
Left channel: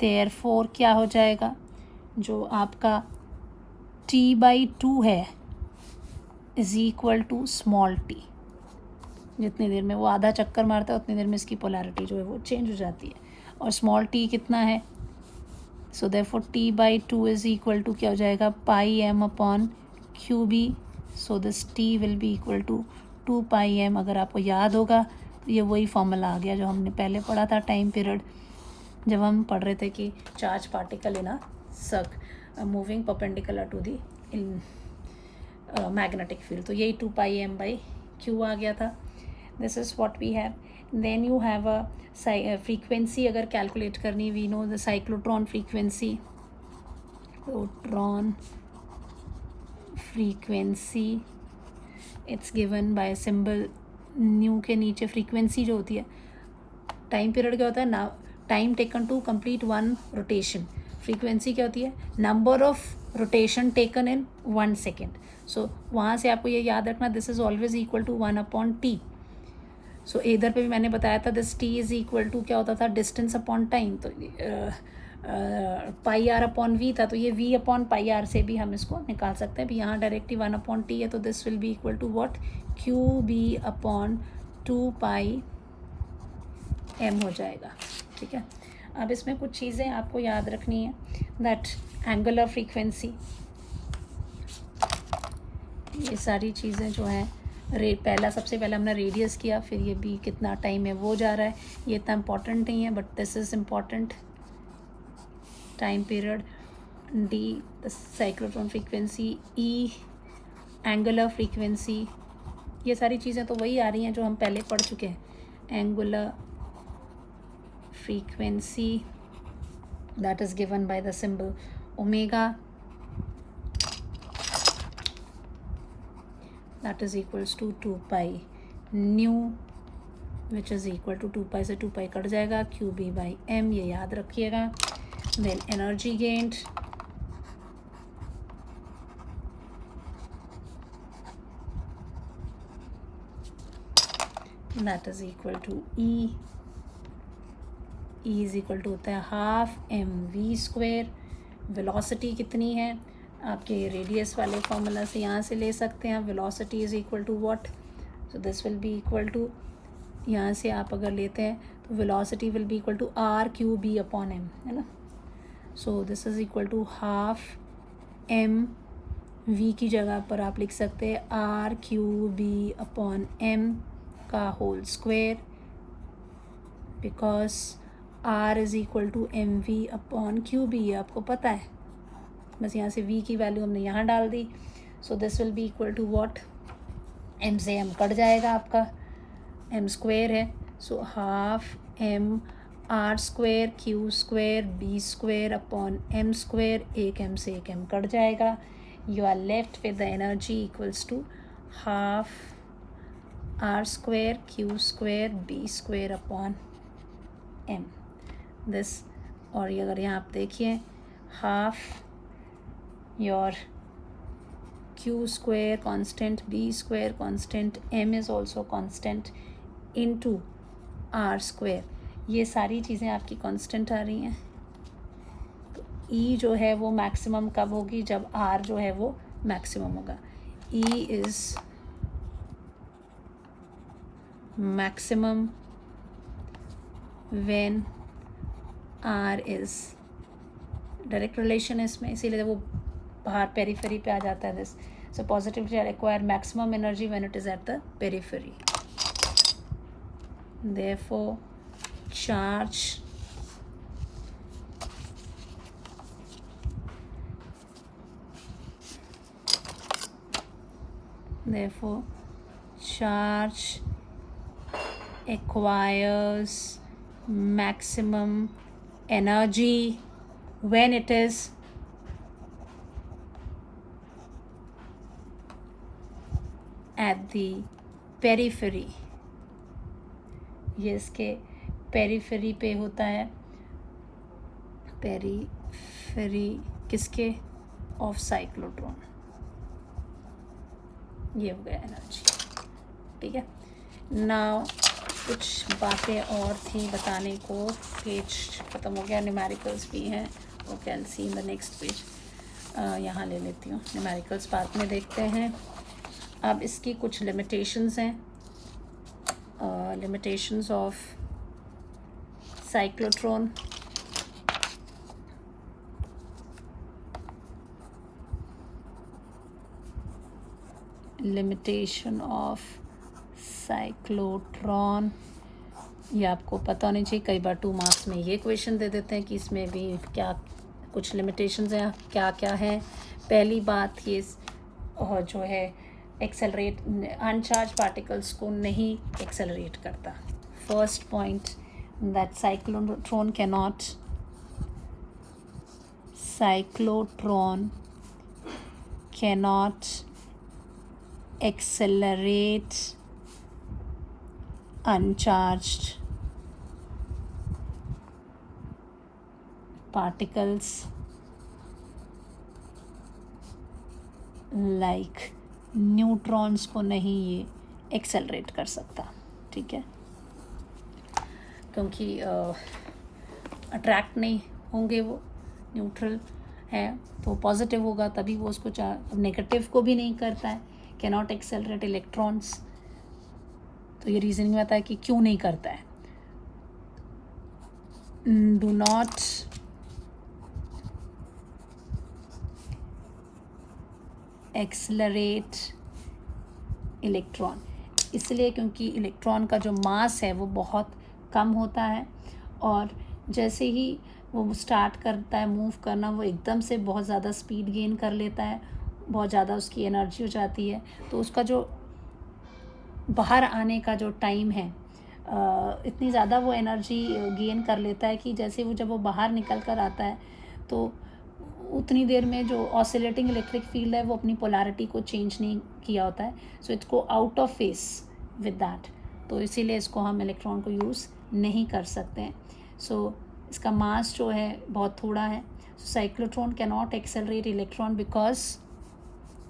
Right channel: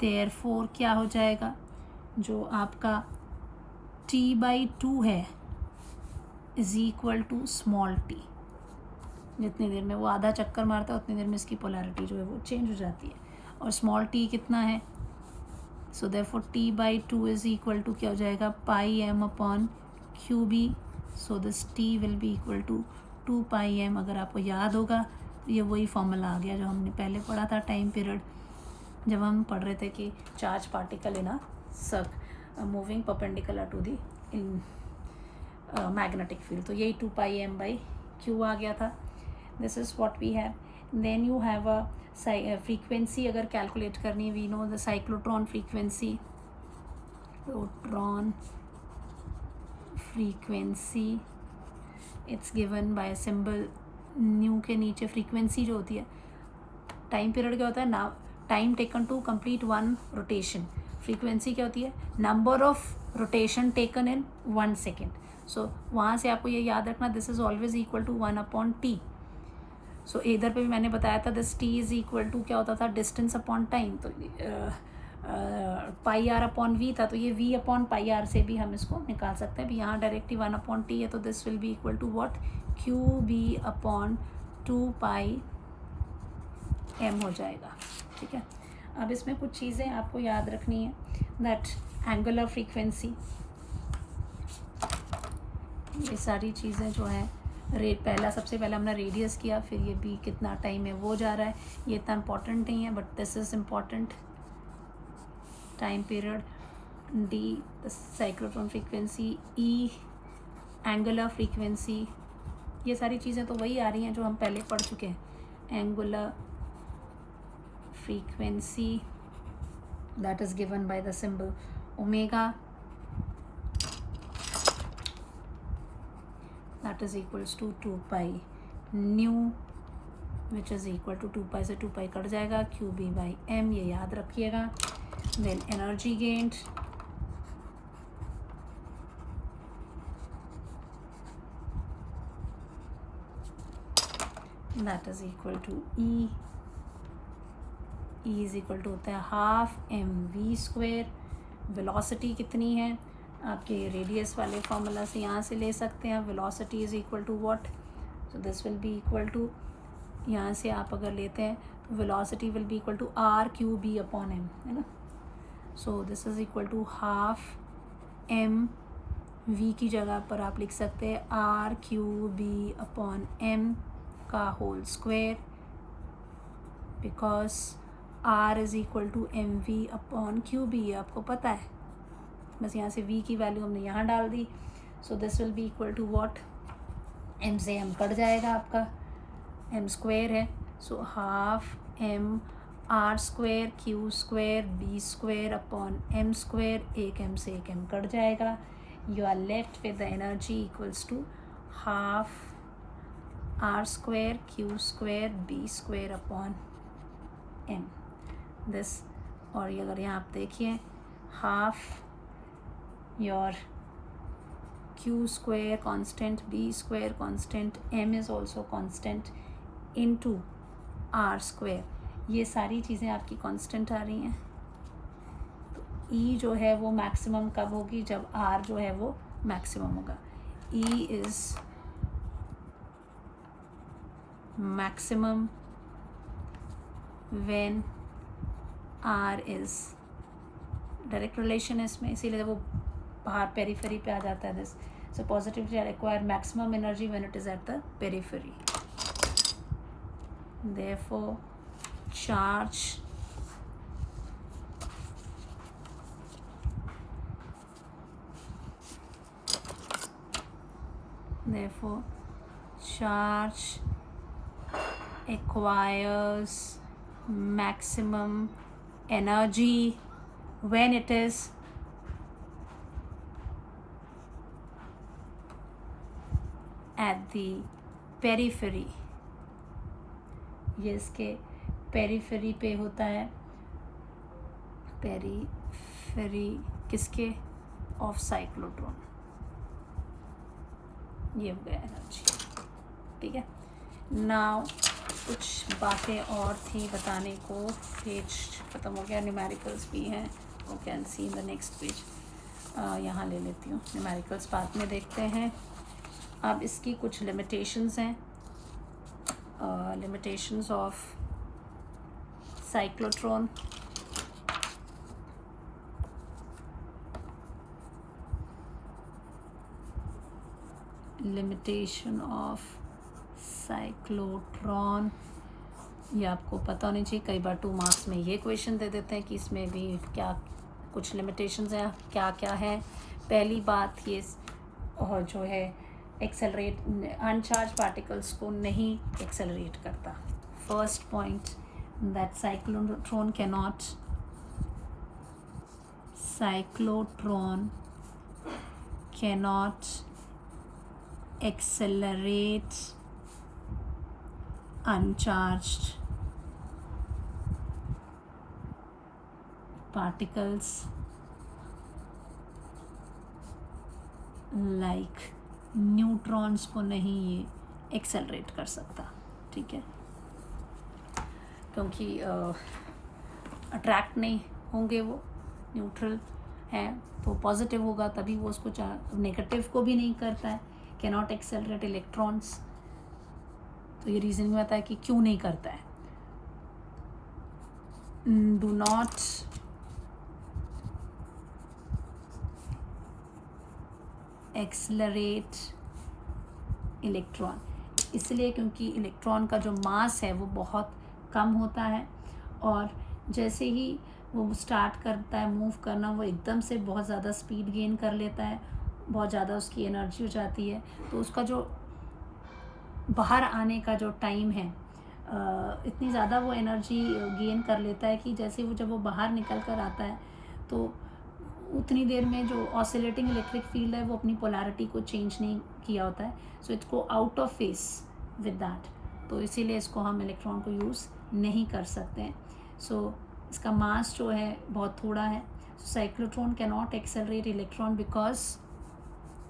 therefore क्या हो जाएगा, जो आपका T/2 है is equal to small t. जितनी देर में वो आधा चक्कर मारता है उतनी देर में इसकी पोलैरिटी जो है वो चेंज हो जाती है. और स्मॉल टी कितना है, so therefore T/2 is equal to क्या हो जाएगा, pi m upon q b. So this T will be equal to 2 pi m. अगर आपको याद होगा तो ये वही फॉर्मूला आ गया जो हमने पहले पढ़ा था टाइम पीरियड. जब हम पढ़ रहे थे कि charge particle in a circle moving perpendicular to the in magnetic field, तो यही 2πm/q आ गया था. This is what we have. Then you have a frequency अगर कैलकुलेट करनी, we know the cyclotron frequency. It's given by symbol nu के नीचे. Frequency जो होती है, टाइम पीरियड क्या होता है ना, time taken to complete one rotation. Frequency क्या होती है, number of rotation taken in 1 second. So वहाँ से आपको ये याद रखना, this is always equal to 1/t. So इधर पे भी मैंने बताया था this t is equal to क्या होता था, डिस्टेंस अपॉन टाइम. तो πr/v था, तो ये v/πr से भी हम इसको निकाल सकते हैं. अभी यहाँ डायरेक्टली 1/t है, तो this will be equal to what, qb/2πm हो जाएगा. ठीक है. अब इसमें कुछ चीज़ें आपको याद रखनी है. दैट एंगुलर फ्रीक्वेंसी, ये सारी चीज़ें जो हैं, सबसे पहले हमने रेडियस किया, फिर ये भी कितना टाइम है वो जा रहा है. ये इतना इम्पॉर्टेंट नहीं है, but this is important. Time period, D cyclotron frequency, E angular frequency. ये सारी चीज़ें तो वही आ रही हैं जो हम पहले पढ़ चुके हैं. Angular frequency that is given by the symbol omega, that is equals to 2π nu, which is equal to 2π से 2π कट जाएगा, qb/m, ये याद रखिएगा. then energy gained, that is equal to E is equal to होता है 12mv². Velocity कितनी है, आपके रेडियस वाले फॉर्मूला से यहाँ से ले सकते हैं. Velocity is equal to what, so this will be equal to, यहाँ से आप अगर लेते हैं तो velocity will be equal to r/m, है ना. So this is equal to 12mv की जगह पर आप लिख सकते हैं r/m का whole square, because r is equal to mv/qb, ये आपको पता है. बस यहाँ से v की वैल्यू हमने यहाँ डाल दी. So this will be equal to what, m से m कट जाएगा, आपका m² है. सो 12m r², q² b²/m², एक m से एक m कट जाएगा. You are left with the energy equals to 12 r² q² b²/m. This, और ये अगर यहाँ आप देखिए, half your q² constant, b² constant, m is also constant, into r². ये सारी चीज़ें आपकी कांस्टेंट आ रही हैं. तो E जो है वो मैक्सिमम कब होगी, जब R जो है वो मैक्सिमम होगा. E is maximum when R is, direct relation है इसमें, इसीलिए वो बाहर पेरीफेरी पे आ जाता है. This, so positive charge require maximum energy when it is at the periphery. Therefore charge acquires maximum energy when it is at the periphery. ये इसके पेरीफेरी पे होता है. पेरीफेरी किसके, ऑफ साइक्लोट्रॉन. ये हो गया एनर्जी. ठीक है. नाउ कुछ बातें और थी बताने को. पेज ख़त्म हो गया. न्यूमेरिकल्स भी हैं, वो can see in the next page. यहाँ ले लेती हूँ. न्यूमेरिकल्स बाद में देखते हैं. अब इसकी कुछ लिमिटेशंस हैं. Limitations of cyclotron. Limitation of cyclotron. ये आपको पता होनी चाहिए। कई बार 2 मार्क्स में ये क्वेश्चन दे देते हैं कि इसमें भी क्या कुछ लिमिटेशंस हैं, क्या क्या हैं। पहली बात ये और जो है एक्सेलरेट अनचार्ज पार्टिकल्स को नहीं एक्सेलरेट करता। First point that cyclotron cannot accelerate uncharged particles like neutrons को नहीं ये एक्सेलरेट कर सकता, ठीक है, क्योंकि अट्रैक्ट नहीं होंगे, वो न्यूट्रल है तो पॉजिटिव होगा तभी वो उसको नेगेटिव को भी नहीं करता है, कैनॉट एक्सेलरेट इलेक्ट्रॉन्स। तो ये रीजनिंग में आता है कि क्यों नहीं करता है। डू नॉट एक्सेलरेट इलेक्ट्रॉन, इसलिए क्योंकि इलेक्ट्रॉन का जो मास है वो बहुत कम होता है और जैसे ही वो स्टार्ट करता है मूव करना वो एकदम से बहुत ज़्यादा स्पीड गेन कर लेता है, बहुत ज़्यादा उसकी एनर्जी हो जाती है। तो उसका जो बाहर आने का जो टाइम है इतनी ज़्यादा वो एनर्जी गेन कर लेता है कि जैसे वो जब वो बाहर निकल कर आता है तो उतनी देर में जो ऑसिलेटिंग इलेक्ट्रिक फील्ड है वो अपनी पोलैरिटी को चेंज नहीं किया होता है, so it's go out of face with that. तो इसीलिए इसको हम इलेक्ट्रॉन को यूज़ नहीं कर सकते हैं। सो इसका मास जो है बहुत थोड़ा है। Cyclotron can not accelerate electron because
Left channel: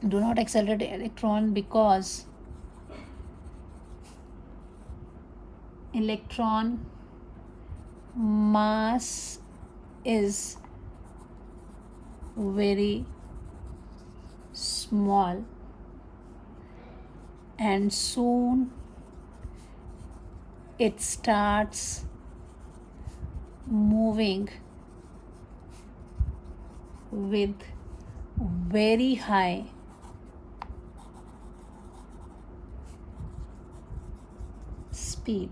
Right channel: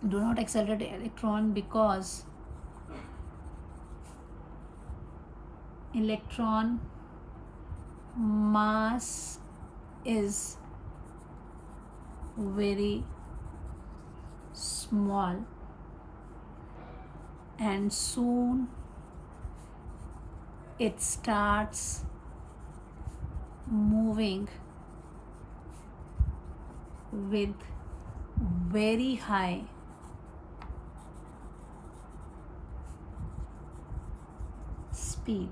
do not accelerate electron because electron mass is very small and soon it starts moving with very high speed.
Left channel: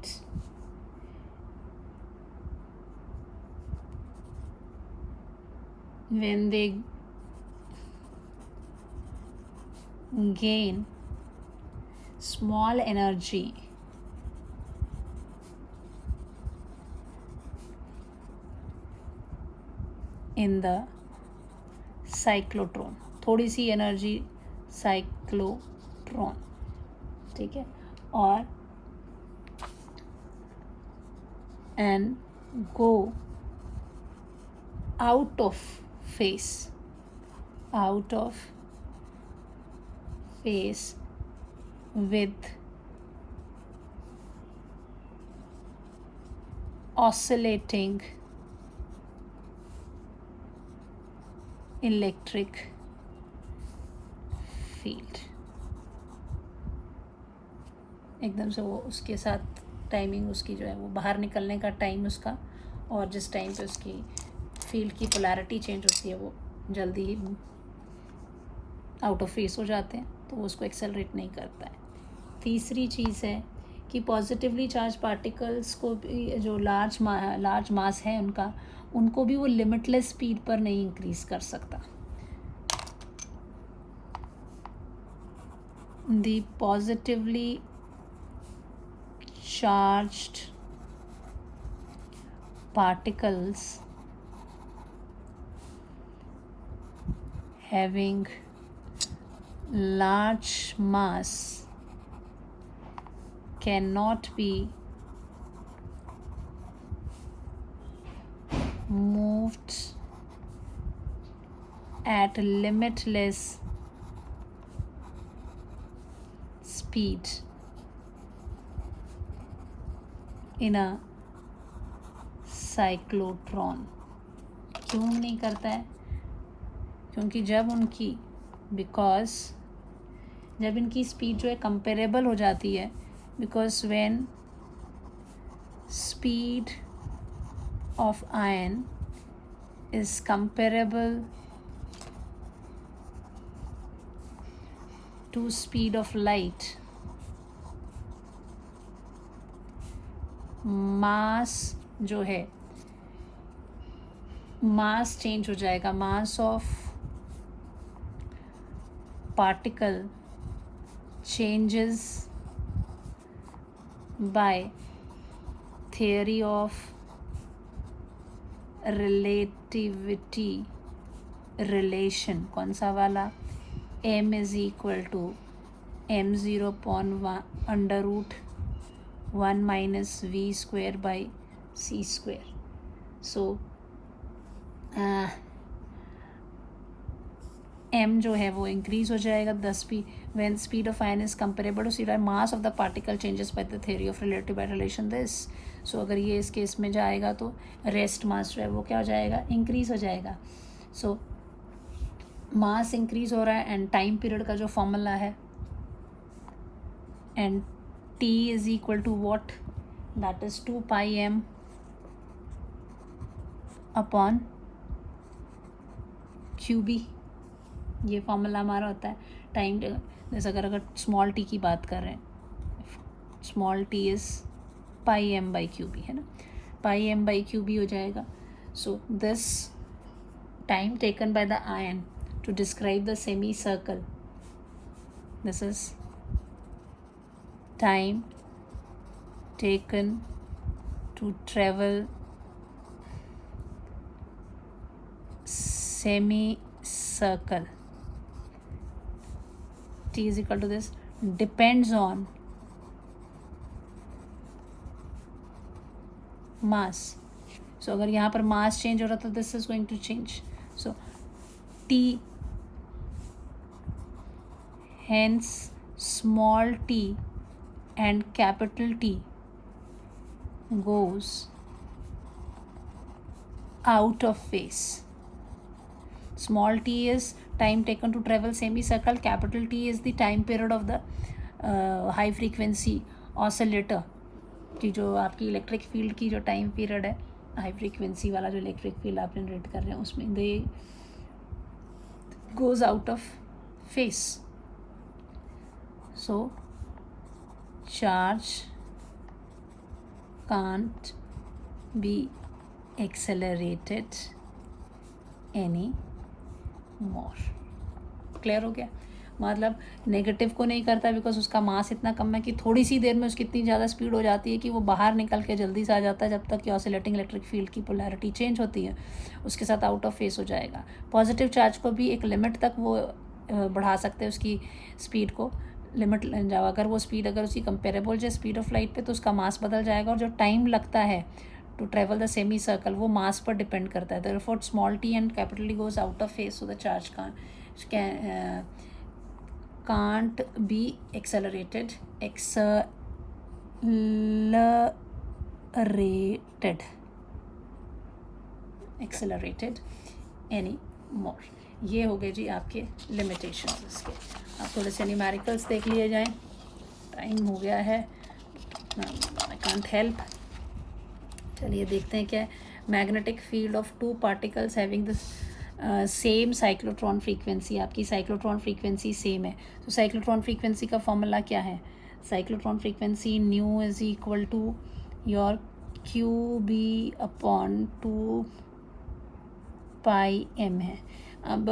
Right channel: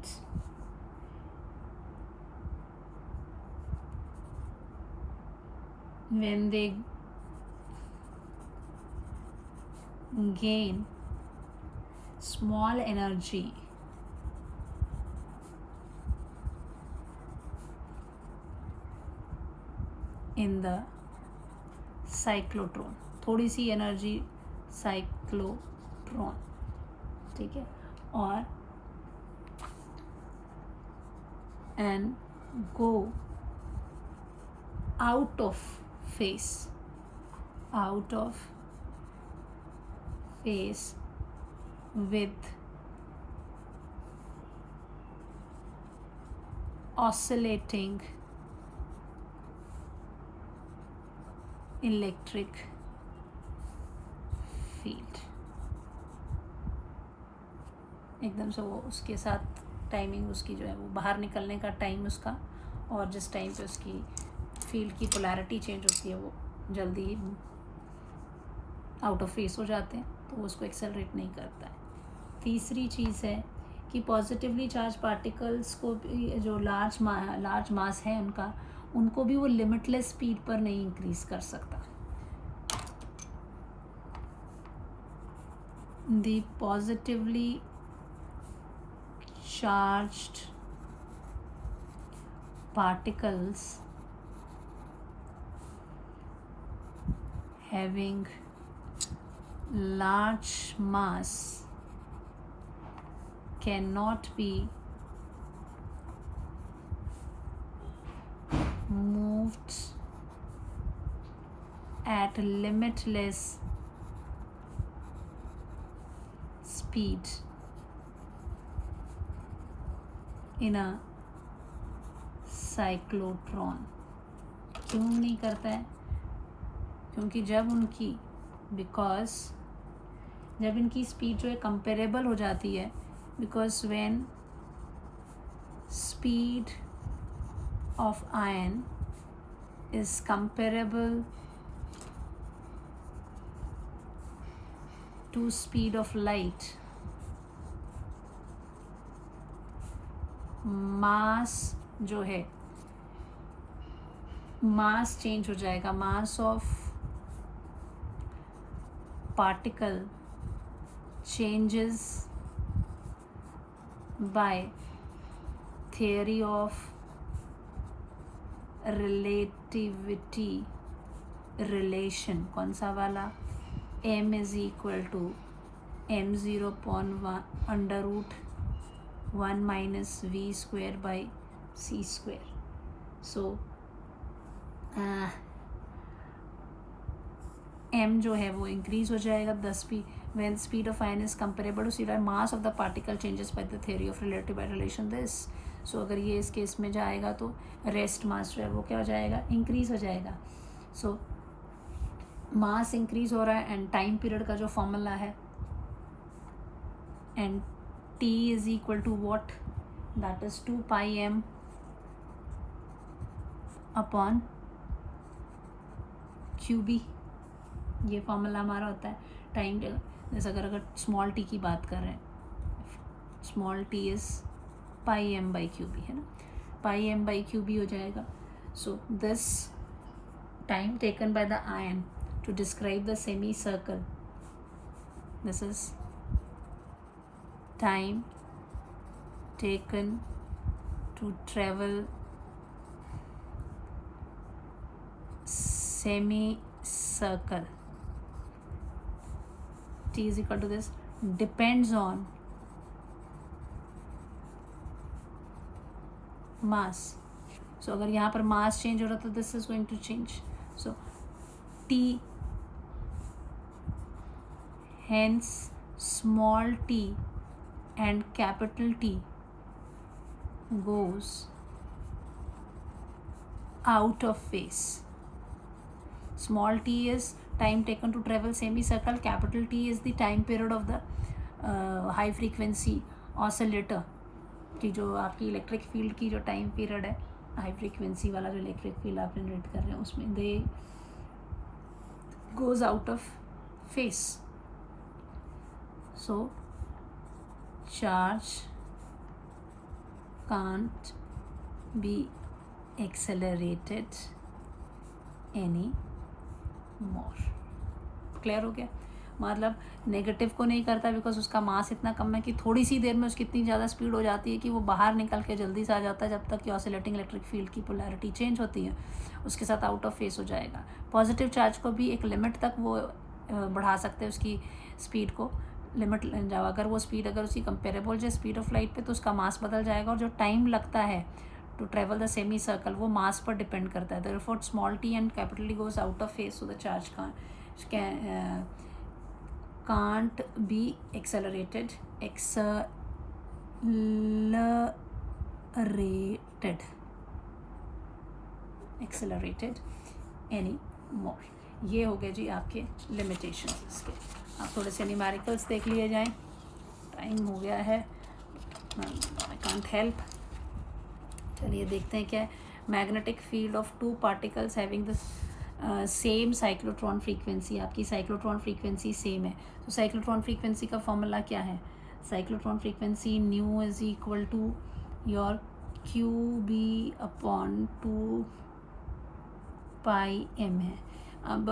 When they gain small energy in the cyclotron, थोड़ी सी energy cyclotron, ठीक है, और and go out of phase with oscillating electric field। एकदम से वो उसके साथ timing उसकी जो है वो बाहर निकलने का टाइम उसका और जिस टाइम पे उसकी फील्ड की पोलैरिटी चेंज होती है वो जल्दी ही आउट ऑफ फेस हो जाते हैं, तो वो उसको एक्सेलरेट नहीं करता है। तीसरी चीज़ है कि पॉजिटिवली चार्ज पार्टिकल्स को भी जो लार्ज मास है उनको भी वो लिमिटलेस स्पीड पर नहीं इंक्रीज कर सकता। The positively charged particles having large mass cannot be moved at limitless speed in a cyclotron। क्यों नहीं करता है? क्योंकि जब इनकी स्पीड जो है कंपेरेबल हो जाती है, because when speed of ion is comparable to speed of light, mass जो है, मास चेंज हो जाएगा, mass of particle changes by theory of relativity relation. कौन सा वाला? m is equal to m0 upon under root 1 minus v square by c square. So m जो है वो इंक्रीज हो जाएगा, the speed when speed of ion is comparable to speed of mass of the particle changes by the theory of relative relation this. So अगर ये इस case में जाएगा तो रेस्ट मास जो है वो क्या हो जाएगा? इंक्रीज हो जाएगा. सो मास इंक्रीज हो रहा है एंड टाइम पीरियड का जो फॉर्मूला है and t is equal to what? That is 2 pi m upon QB. ये फॉर्मूला हमारा होता है टाइम. जैसे अगर स्मॉल टी की बात कर रहे हैं, small t is pi m by q B, है ना. Pi m by q B हो जाएगा. So this time taken by the ion to describe the semi circle, this is time taken to travel semi circle. T is equal to this depends on mass. So अगर यहाँ पर mass change हो रहा तो this is going to change. So T, hence small t and capital T goes out of phase. Small t is time taken to travel semicircle, capital T is the time period of the high frequency oscillator की जो आपकी electric field की जो time period है, high frequency वाला जो electric field आप generate कर रहे हैं उसमें they goes out of face. So charge can't be accelerated any more. Clear हो गया? मतलब नेगेटिव को नहीं करता बिकॉज उसका मास इतना कम है कि थोड़ी सी देर में उसकी इतनी ज़्यादा स्पीड हो जाती है कि वो बाहर निकल के जल्दी से आ जाता है, जब तक कि ऑसिलेटिंग इलेक्ट्रिक फील्ड की पोलैरिटी चेंज होती है उसके साथ आउट ऑफ फेस हो जाएगा. पॉजिटिव चार्ज को भी एक लिमिट तक वो बढ़ा सकते हैं उसकी स्पीड को. लिमिट अगर वो स्पीड अगर उसकी कंपेरेबल जो स्पीड ऑफ लाइट पे तो उसका मास बदल जाएगा, और जो टाइम लगता है to travel the semicircle वो मास पर डिपेंड करता है. therefore small t and capital T goes out of phase, so the charge can't be accelerated any more. ये हो गए जी आपके लिमिटेशंस इसके. आप थोड़े से न्यूमेरिकल्स देख लिए जाएं. टाइम हो गया है, आई कांट हेल्प. चलिए देखते हैं क्या है. Magnetic field of two particles having the same cyclotron frequency. आपकी साइक्लोट्रॉन फ्रीक्वेंसी सेम है. तो साइक्लोट्रॉन फ्रीक्वेंसी का फॉर्मूला क्या है? Cyclotron frequency nu is equal to your q B upon 2 pi m है. अब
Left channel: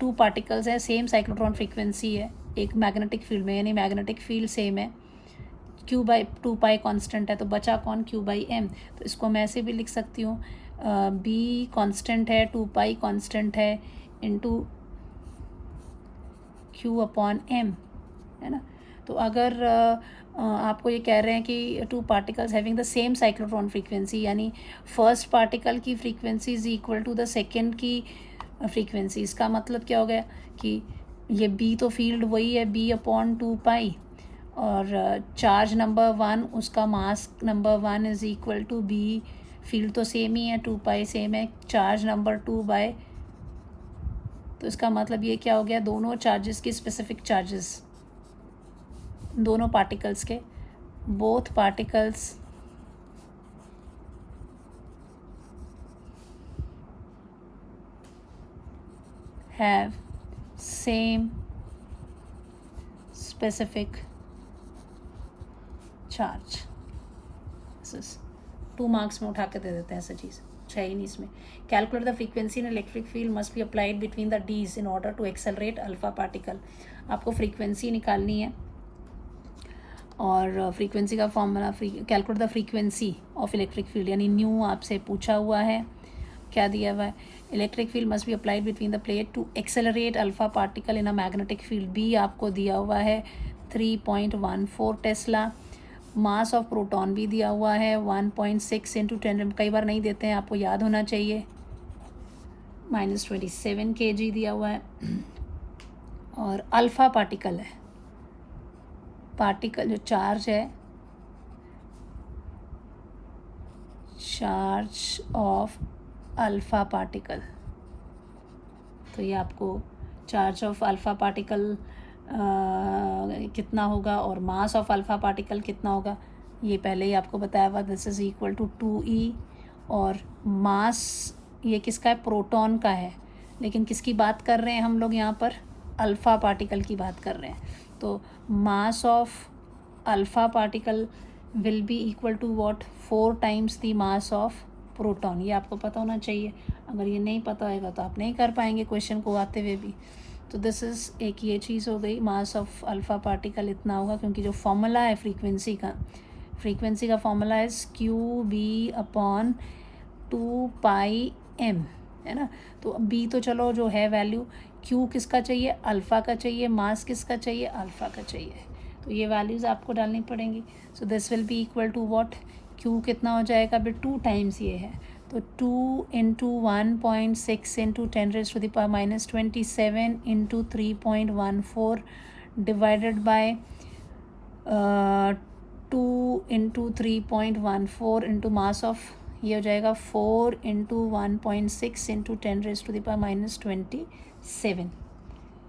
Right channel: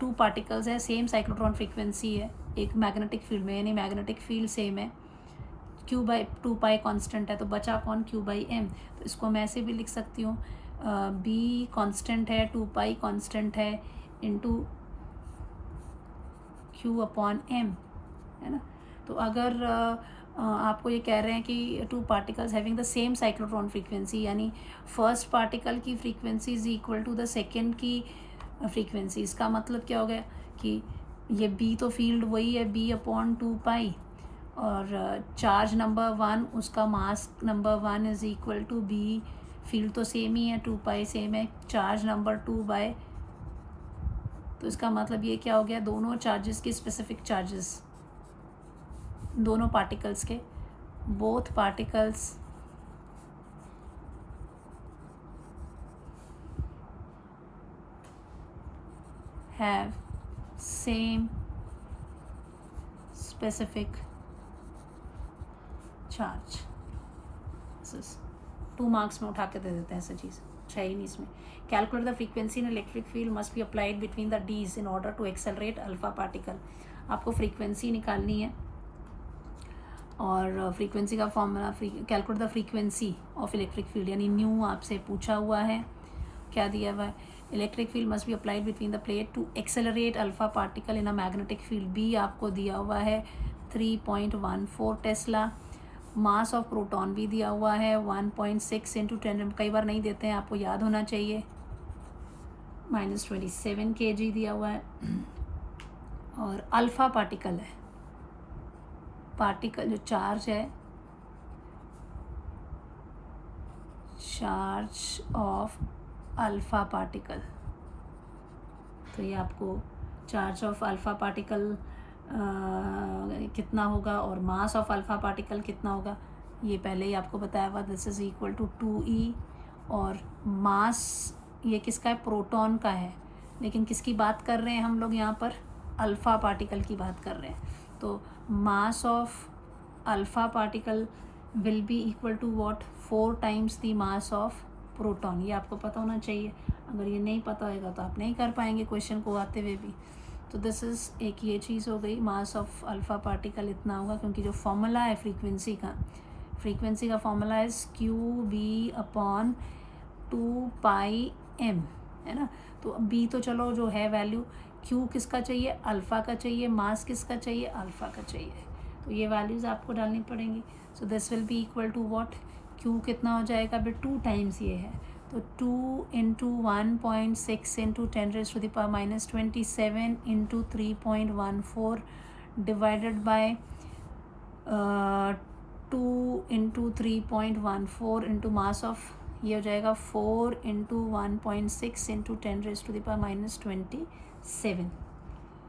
टू पार्टिकल्स है, सेम साइक्लोट्रॉन फ्रीक्वेंसी है एक मैग्नेटिक फील्ड में, यानी मैग्नेटिक फील्ड सेम है. क्यू बाई 2 पाई कांस्टेंट है, तो बचा कौन? Q by m. तो इसको मैं ऐसे भी लिख सकती हूँ, बी कांस्टेंट है, 2 पाई कांस्टेंट है, इनटू क्यू अपॉन एम, है ना. तो अगर आपको ये कह रहे हैं कि two particles having the same cyclotron frequency, यानी फर्स्ट पार्टिकल की frequency is equal to the second की फ्रीक्वेंसी. इसका मतलब क्या हो गया कि ये बी तो फील्ड वही है, बी अपॉन 2 पाई, और चार्ज नंबर 1 उसका mass number 1 is equal to B. Field तो सेम ही है, 2 पाई सेम है, चार्ज नंबर 2 बाय. तो इसका मतलब ये क्या हो गया? दोनों चार्जेस की स्पेसिफिक चार्जेस, दोनों पार्टिकल्स के, both particles have same specific charge. This is 2 marks में उठा के दे देते हैं, ऐसा चीज़ है ही नहीं इसमें. Calculate the frequency in electric field must be applied between the dees in order to accelerate alpha particle. आपको फ्रीक्वेंसी निकालनी है और फ्रीक्वेंसी का formula calculate the frequency of electric field यानी न्यू आपसे पूछा हुआ है. क्या दिया हुआ है? Electric field must be applied between the plate to accelerate alpha particle in a magnetic field. B आपको दिया हुआ है 3.14 टेस्ला. मास ऑफ प्रोटॉन भी दिया हुआ है 1.6 इंटू 10. कई बार नहीं देते हैं, आपको याद होना चाहिए. -27 kg दिया हुआ है. और अल्फा पार्टिकल है, पार्टिकल जो चार्ज है, चार्ज ऑफ अल्फा पार्टिकल. तो ये आपको चार्ज ऑफ अल्फा पार्टिकल कितना होगा और मास ऑफ अल्फा पार्टिकल कितना होगा ये पहले ही आपको बताया हुआ. This is equal to 2e. और मास ये किसका है? प्रोटॉन का है. लेकिन किसकी बात कर रहे हैं हम लोग यहाँ पर? अल्फ़ा पार्टिकल की बात कर रहे हैं. तो mass of alpha particle will be equal to what? 4 times the mass of proton. ये आपको पता होना चाहिए. अगर ये नहीं पता होगा तो आप नहीं कर पाएंगे क्वेश्चन को आते हुए भी. तो दिस इज़ एक ये चीज़ हो गई. मास ऑफ अल्फ़ा पार्टिकल इतना होगा, क्योंकि जो फॉर्मूला है फ्रीक्वेंसी का फॉर्मूला है QB/2πm, है ना. तो बी तो चलो जो है वैल्यू, क्यू किसका चाहिए? अल्फ़ा का चाहिए. मास किसका चाहिए? अल्फ़ा का चाहिए. तो ये वैल्यूज़ आपको डालनी पड़ेंगी. So this will be equal to what? Q कितना हो जाएगा? अभी 2 टाइम्स ये है, तो 2 into 1.6 into 10⁻⁻27 into 3.14 divided by 2 into 3.14 into mass of, ये हो जाएगा 4 इंटू 1.6 इंटू 10⁻⁻27.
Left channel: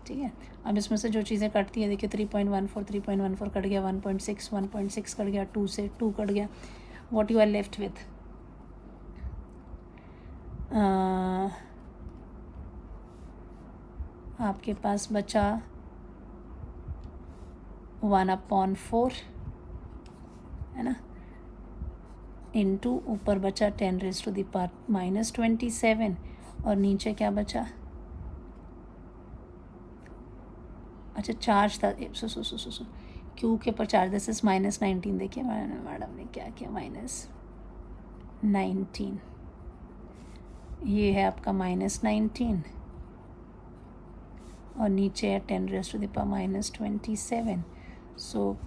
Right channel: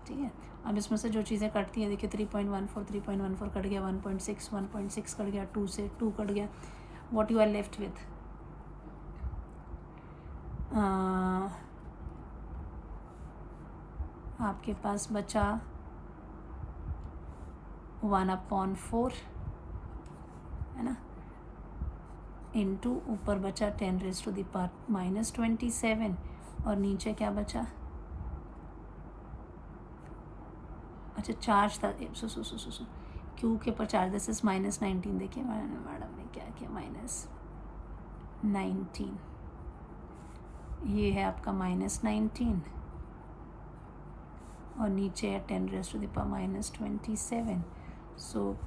ठीक है. अब इसमें से जो चीज़ें कटती है देखिए, 3.14 कट गया, 1.6 कट गया, 2 से 2 कट गया. What you are left with? आपके पास बचा 1/4, है ना, इंटू ऊपर बचा 10⁻⁻27 और नीचे क्या बचा? अच्छा चार्ज था, सो क्यू के ऊपर चार्ज. This is -19. देखिए मैडम ने क्या किया, -19. ये है आपका -19 और नीचे है 10⁻⁻27. सो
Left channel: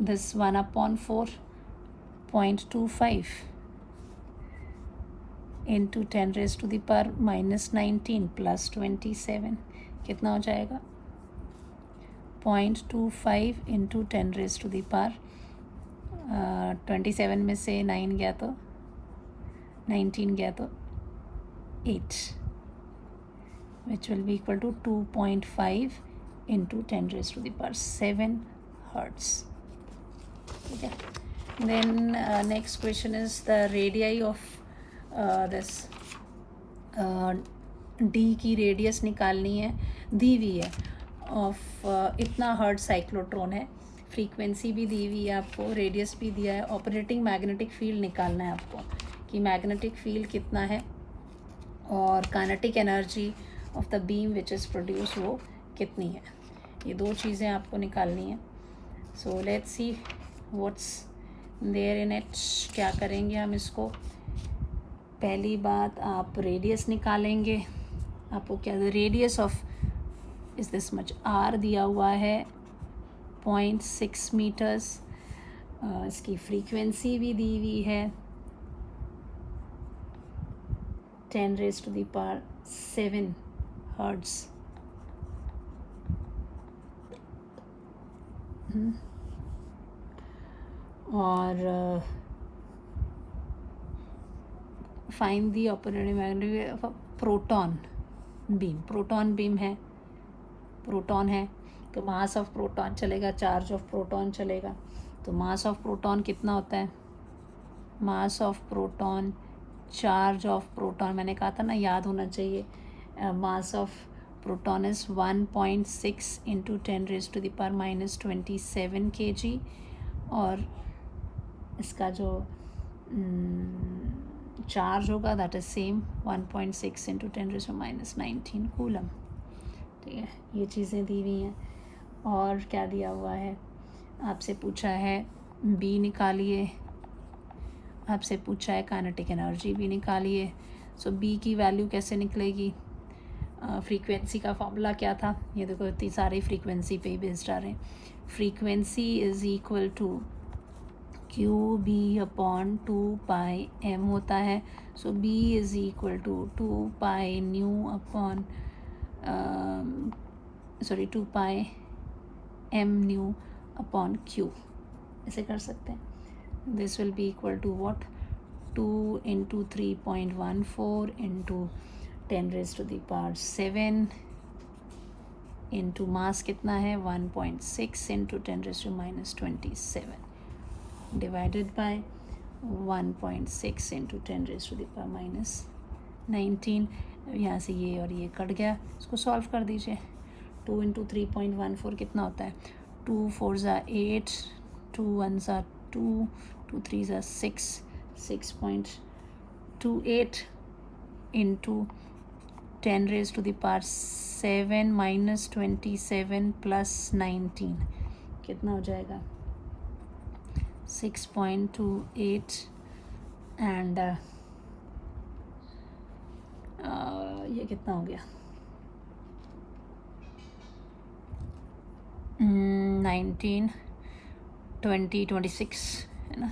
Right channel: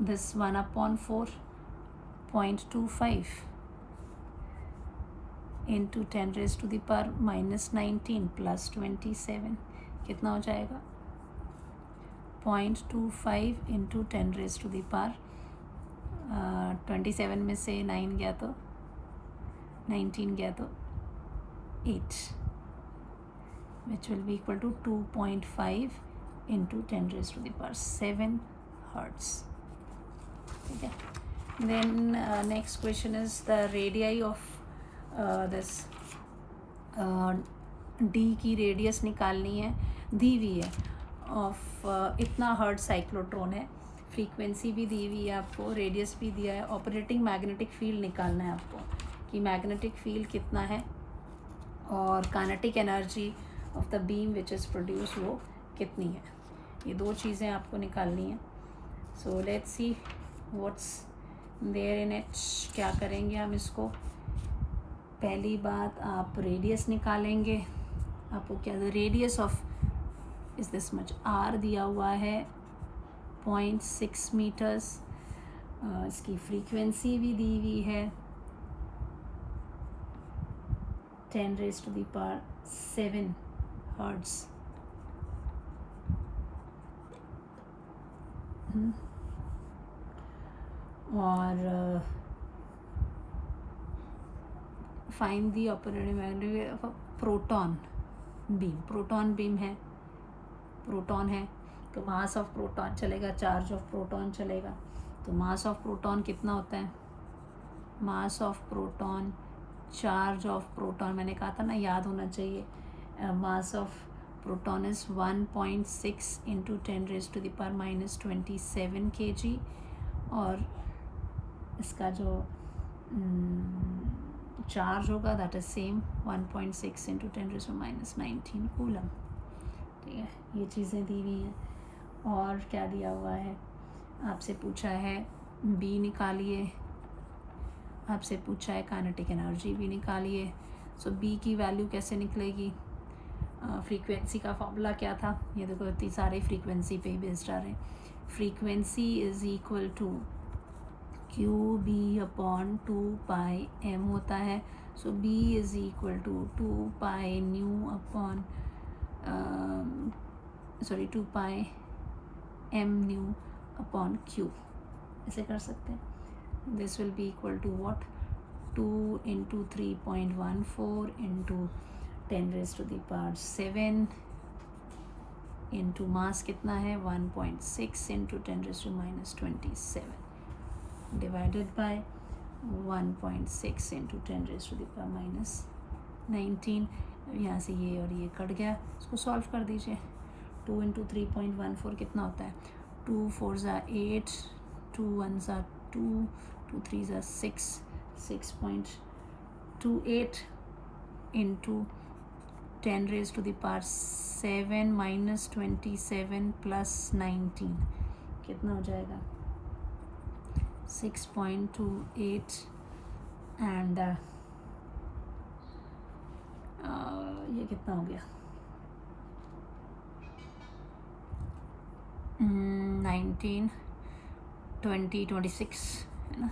दिस 1/4.25 इंटू 10⁻⁻19 प्लस 27 कितना हो जाएगा? 0.25 इंटू 10⁻27 में से 9 गया तो 19 गया तो 8, which will be equal to 2.5 into 10⁻7 hertz. ठीक है. Then next question is the radii of this D की रेडियस निकालनी है, दी हुई है ऑफ इतना हर्ट्ज साइक्लोट्रॉन है. फ्रीक्वेंसी भी दी हुई है आपको, रेडियस भी दिया है. ऑपरेटिंग मैग्नेटिक फील्ड निकालना है आपको कि मैग्नेटिक फील्ड कितना है और kinetic energy of the beam which is produce वो कितनी है. ये 2 चीज़ें आपको निकालनी है. So let's see what's there in it. क्या करेंगे हम इसको? पहली बात आप रेडियस निकालेंगे. आपको क्या, radius of is this much, r दिया हुआ है 0.6 मीटर्स. इसकी फ्रीक्वेंसी भी दी हुई है 10⁻⁷ हर्ट्ज. और find the operating magnetic proton beam. Proton beam है, प्रोटॉन है तो मास ऑफ प्रोटॉन चलेगा, चार्ज ऑफ प्रोटॉन चलेगा. तो मास ऑफ प्रोटॉन कितना होता है? मास of proton, charge of proton, मैंने कहा था ना याद होना चाहिए. मास of proton is 1.6 into 10⁻⁻27 kg. और इसका जो चार्ज होगा that is same 1.6 into 10⁻⁻19 coulomb. ठीक है, ये चीज़ें दी हुई हैं। और क्या दिया हुआ है, आपसे पूछा है बी निकालिए, आपसे पूछा है काइनेटिक एनर्जी भी निकालिए। सो बी की वैल्यू कैसे निकलेगी, फ्रीक्वेंसी का फॉर्मूला क्या था, ये देखो इतनी सारी फ्रीक्वेंसी पे ही बेस्ड आ रहे हैं। Frequency is equal to q B upon 2πm होता है। So b is equal to 2π upon 2πm upon q, ऐसे कर सकते हैं। This will be equal to what, 2 into 3.14 into 10⁻⁷ into mass कितना है 1.6 इंटू 10⁻⁻27 डिवाइडेड बाय 1.6 इंटू 10⁻⁻19। यहाँ से ये और ये कट गया, इसको सॉल्व कर दीजिए। 2 इंटू 3.14 कितना होता है, 2 4 ज़ा 8, 2 1 ज़ा 2, 2 3 ज़ा 6, 6.28 इंटू 10⁻⁷ माइनस 27 प्लस 19 कितना हो जाएगा 6.28 एंड ये कितना हो गया 19 20 26 है ना,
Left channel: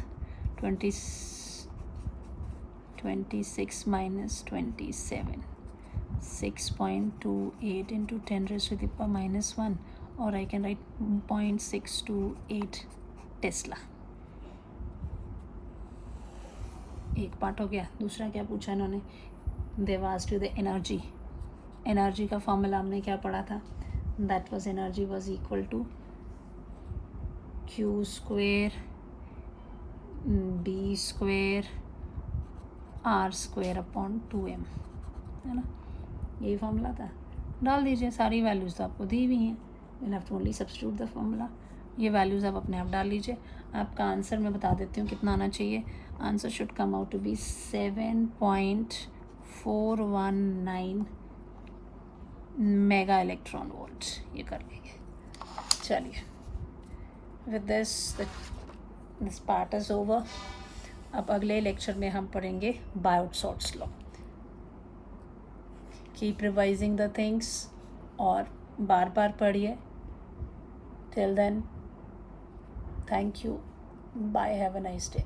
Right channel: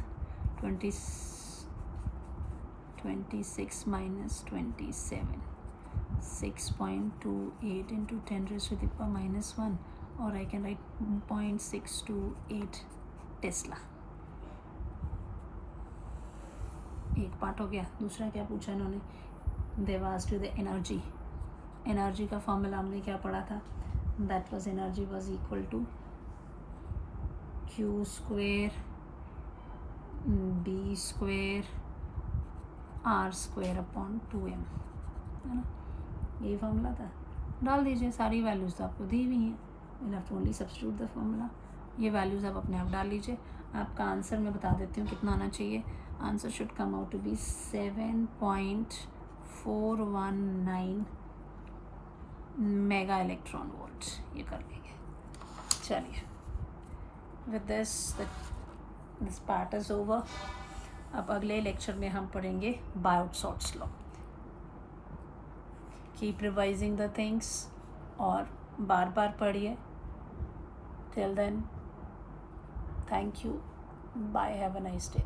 26 माइनस 27 6.28 इंटू 10⁻⁻1 और आई कैन राइट 0.628 टेस्ला। एक पार्ट हो गया। दूसरा क्या पूछा इन्होंने, they asked you the energy. Energy का फॉर्मूला हमने क्या पढ़ा था, that was energy was equal to Q square B square R square upon 2m, है ना, यही फॉर्मूला था। डाल दीजिए, सारी वैल्यूज़ तो आपको दी हुई हैं, will have to only substitute the formula. ये वैल्यूज़ आप अपने आप डाल लीजिए। आपका आंसर मैं बता देती हूँ कितना आना चाहिए। Answer should come out to be 7.419 mega electron volt. ये कर लेंगे। चलिए, with this part is over. अब अगले लेक्चर में हम पढ़ेंगे Biot Savart's law. Keep revising the things और बार बार पढ़िए। Till then, thank you, bye, have a nice day.